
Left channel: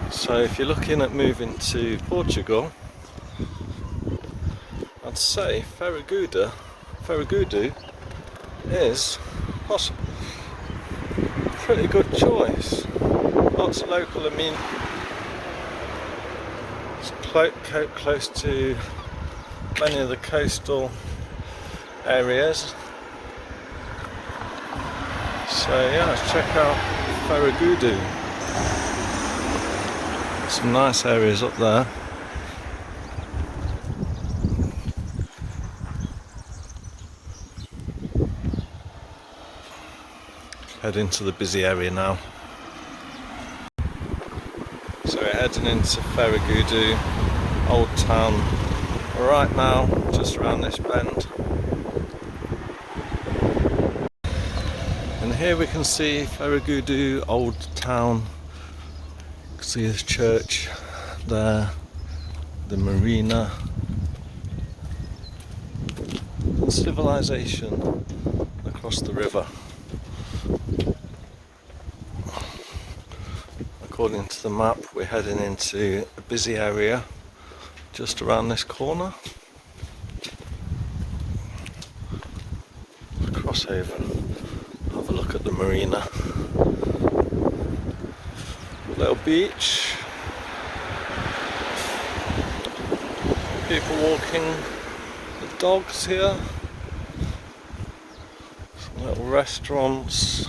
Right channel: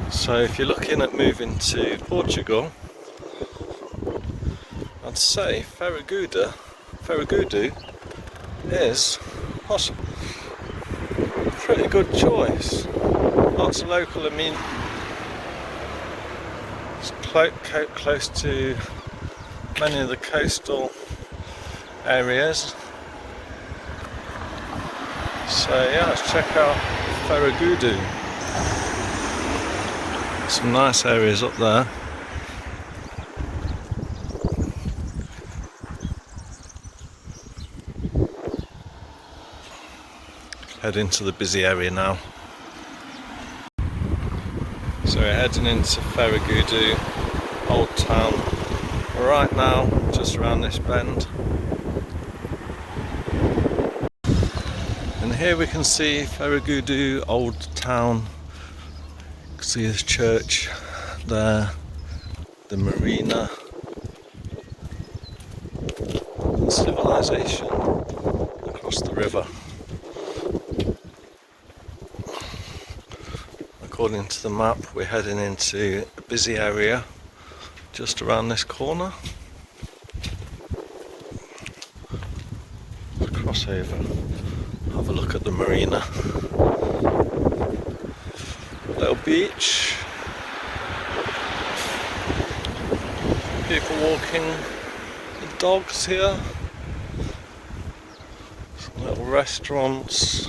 So if you're looking at moving to Portugal, I'd say Ferragudu is possible. Pretty good choice. Lots of local amenities. It's close to many of the coastal areas. So yeah, let's check out Ferragudu. Some nice areas up there. Head into the busy area now. So we're heading into Ferragudu Old Town right now, just around this bend. And here we can see Ferragudu Old Town. You can see this church there, the marina, and civilization across the river. According to the map, we're heading into a busy area just around this corner. Cross over, have a look at the marina. Little beach. People walking with dogs here. Some little restaurants.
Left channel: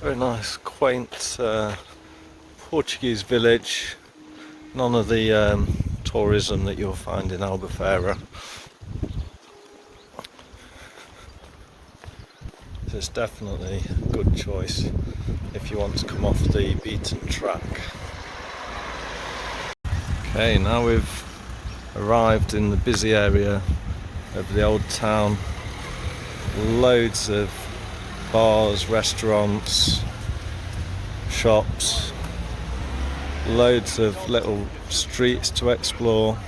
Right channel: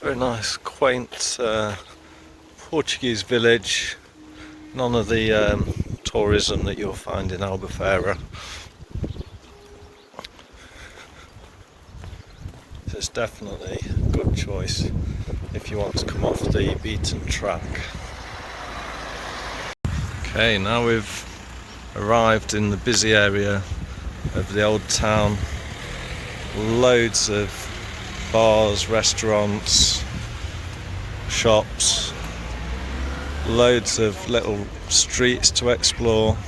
Very nice, quaint Portuguese village. None of the tourism that you'll find in Albufeira. So it's definitely a good choice if you want to come off the beaten track. Okay, now we've arrived in the busy area of the old town. Loads of bars, restaurants, shops, Loads of little streets to explore.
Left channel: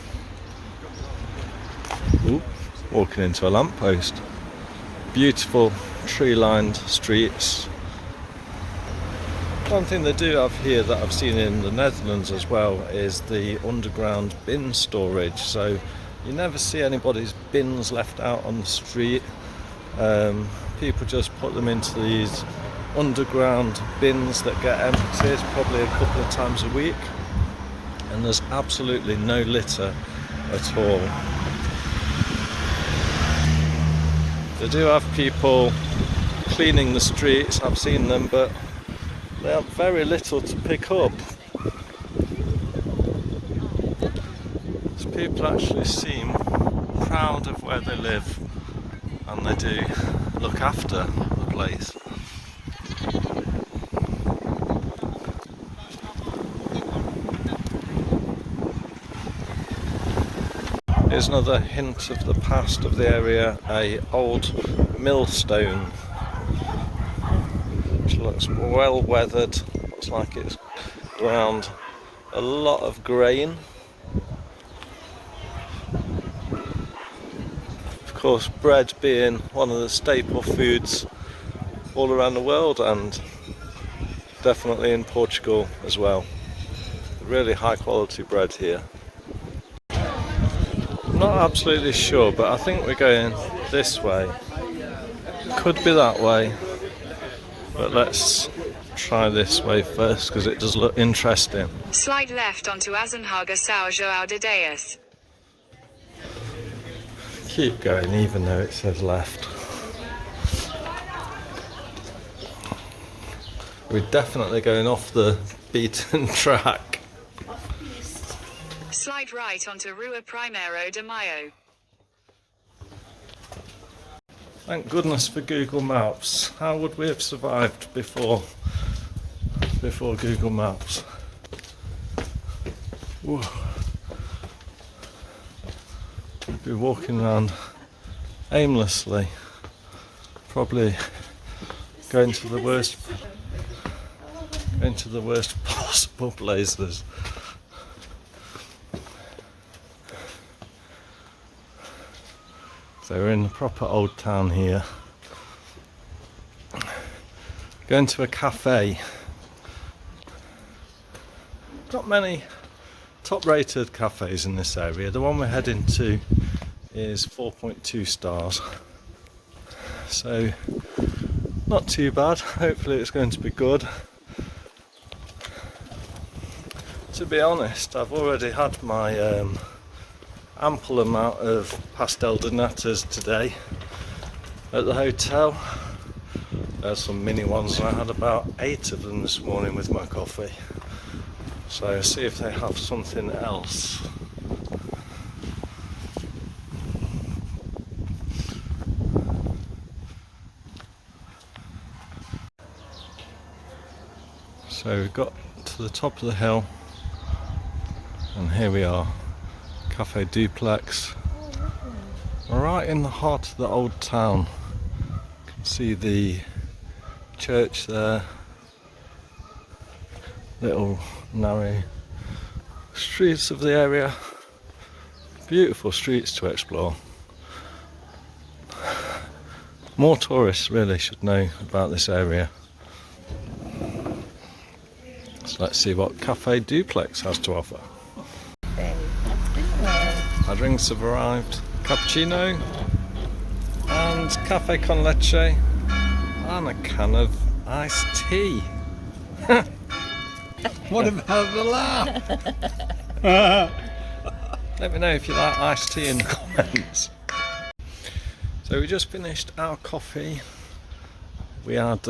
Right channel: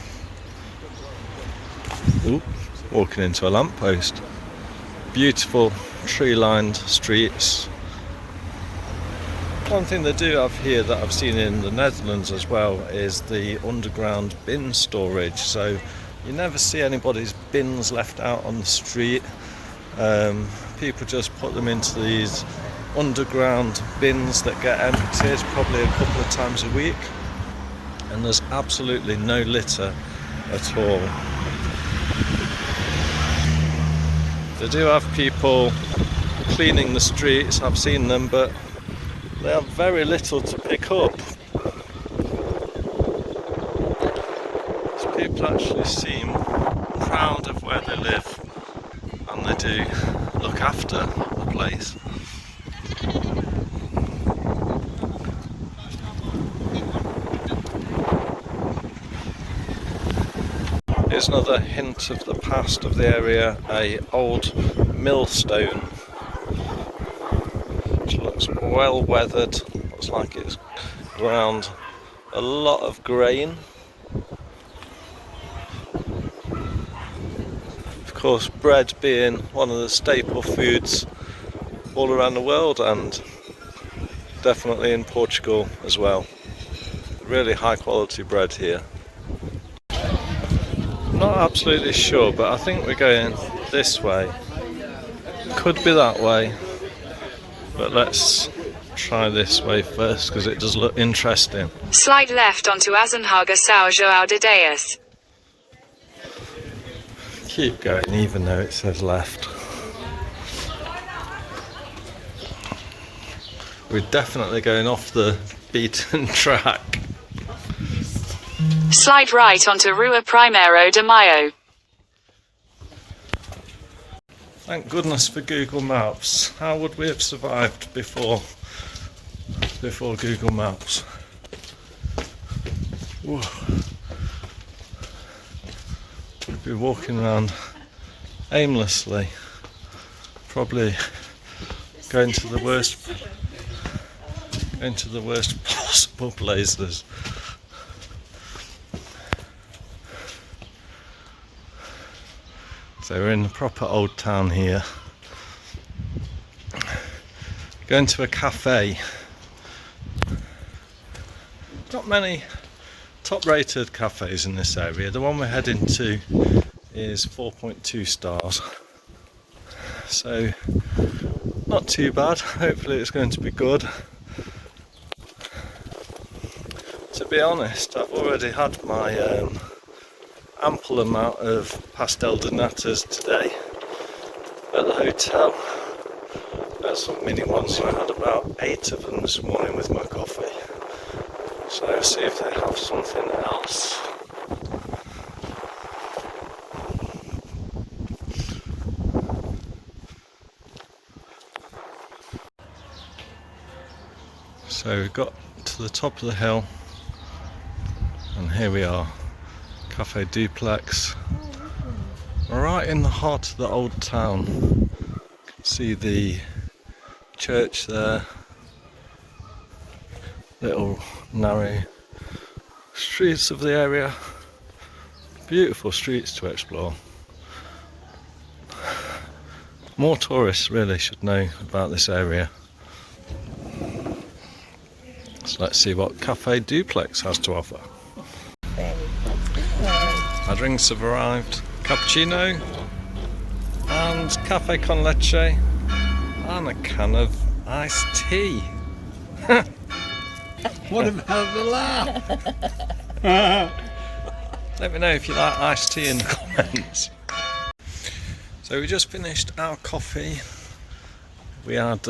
Ooh, walking into a lamppost. Beautiful tree-lined streets. One thing they do have here that I've seen in the Netherlands as well is the underground bin storage. So you never see anybody's bins left out on the street. People just put them into these underground bins that get emptied probably a couple of times a week, and there's absolutely no litter at all. They do have people cleaning the streets, I've seen them, but they have very little to pick up. So people actually seem proud of where they live, and they do look after the place. Here's another hint of the past of the area, a old millstone, which looks well weathered, looks like it's ground a lot of grain. Of course, bread being one of the staple foods all around the world, and definitely in Portugal as well. Really high quality bread here. Not absolutely sure, but I think we're going this way. Could be that way, but let's try this way first because it does look interesting. Slide left onto Azenhaga São João de Deus. Keep going even though it says left. We're definitely going off the beaten track. Slide right onto Rua Primeiro de Maio. Thank goodness for Google Maps. How would we have survived before Google Maps? Whoa. We'd be walking around aimlessly, probably going to the worst possible places. So we're in the proper old town here. Going to a cafe. Not many top-rated cafes in this area. The one we're heading to is 4.2 stars. So not too bad. Hopefully it's going to be good. To be honest, I've already had my ample amount of pastel de natas today at the hotel. There's some mini ones, and I had about 8 of them this morning with my coffee. So I'll see if they have something else. So we've got to the top of the hill, and here we are. Cafe Duplex, right in the heart of the old town. You can see the church there, little narrow streets of the area, beautiful streets to explore. More tourists really should know about this area. So let's see what Cafe Duplex has to offer. Our drinks have arrived. Cappuccino and cafe con leche and a can of iced tea. What about the laugh? Let me know if you like iced tea in the comments. So we just finished our coffee. We had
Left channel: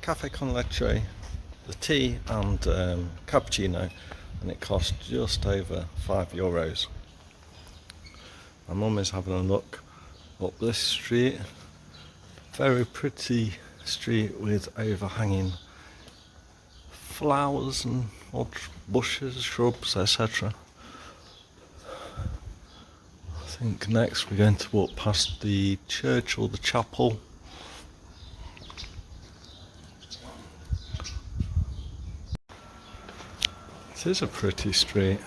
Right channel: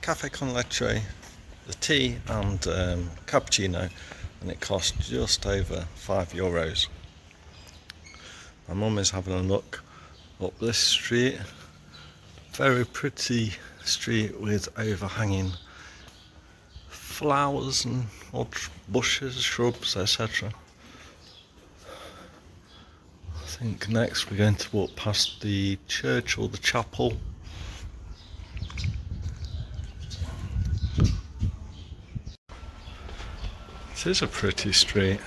cafe con leche, the tea and cappuccino, and it cost just over €5. My mum is having a look up this street. Very pretty street with overhanging flowers and odd bushes, shrubs, etc. I think next we're going to walk past the church or the chapel. It is a pretty street.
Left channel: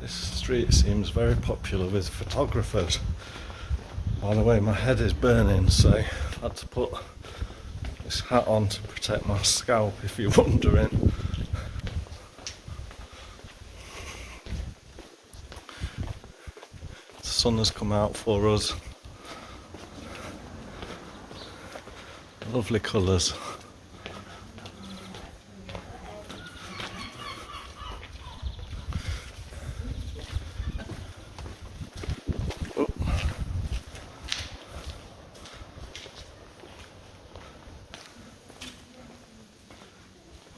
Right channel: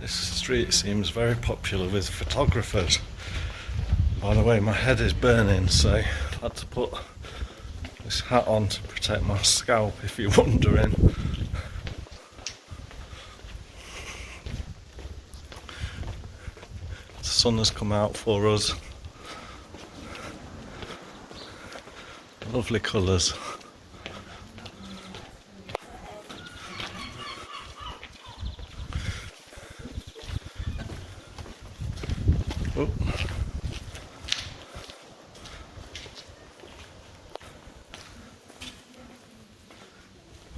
This street seems very popular with photographers. By the way, my head is burning, so I had to put this hat on to protect my scalp, if you're wondering. The sun has come out for us. Lovely colours. Oh.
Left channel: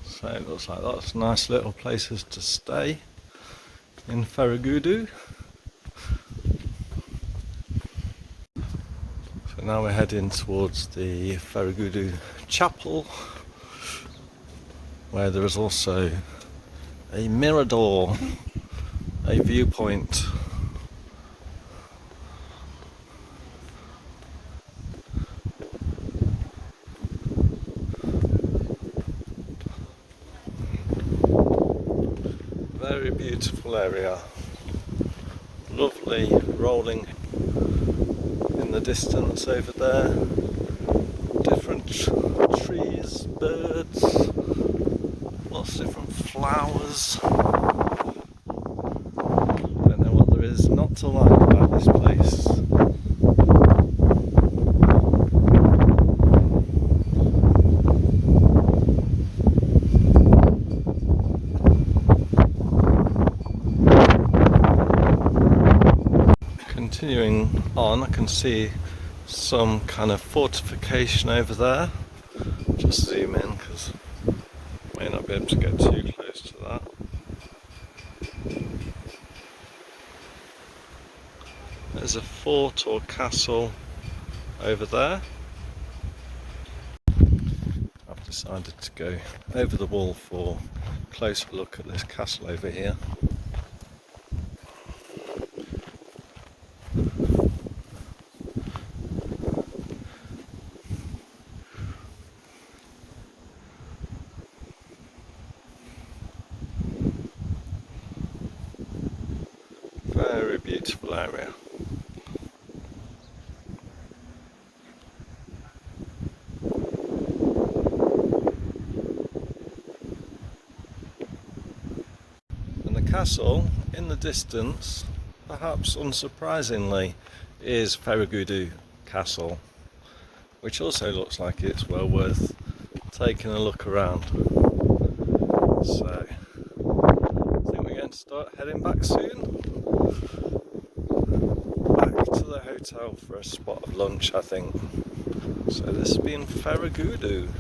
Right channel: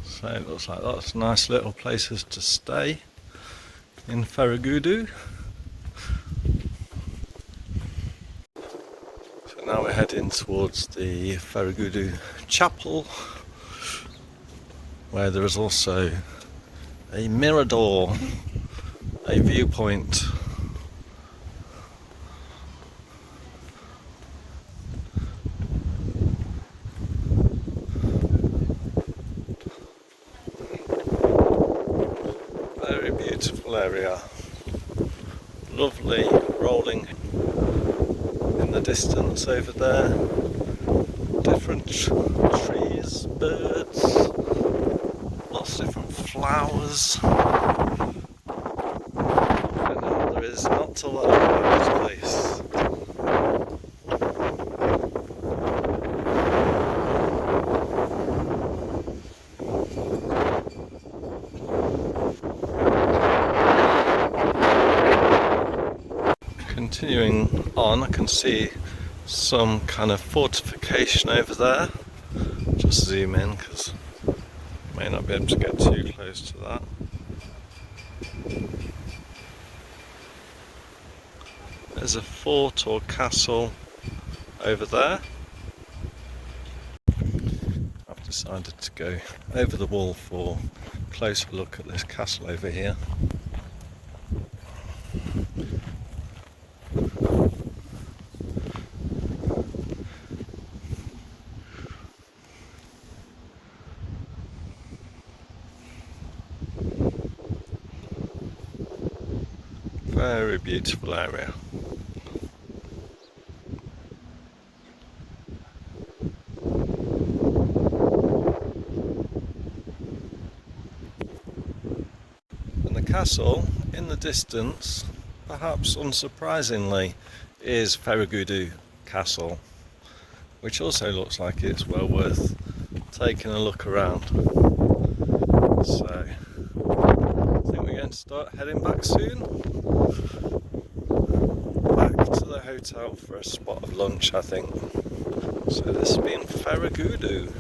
So it looks like that's nice little places to stay in Ferragudu. So now we're heading towards the Ferragudu Chapel, where there is also a mirador, a viewpoint. Very beautiful area. Lovely rolling in the distance over there. Different trees, birds, lots of different flowers. I don't know what there is not to like about this place. Continuing on, I can see some kind of fortification over there. Just zoom in because I may not be able to get too close to that. There's a fort or castle over there. I've decided to go over the wall for a closer look at this castle over here. Very beautiful area. And the castle in the distance, perhaps unsurprisingly, is Ferragudu Castle, which also looks like it's well worth taking a look around. So I think we're going to start heading back soon. Back to the hotel for a spot of lunch, I think. So this has been Ferragudu.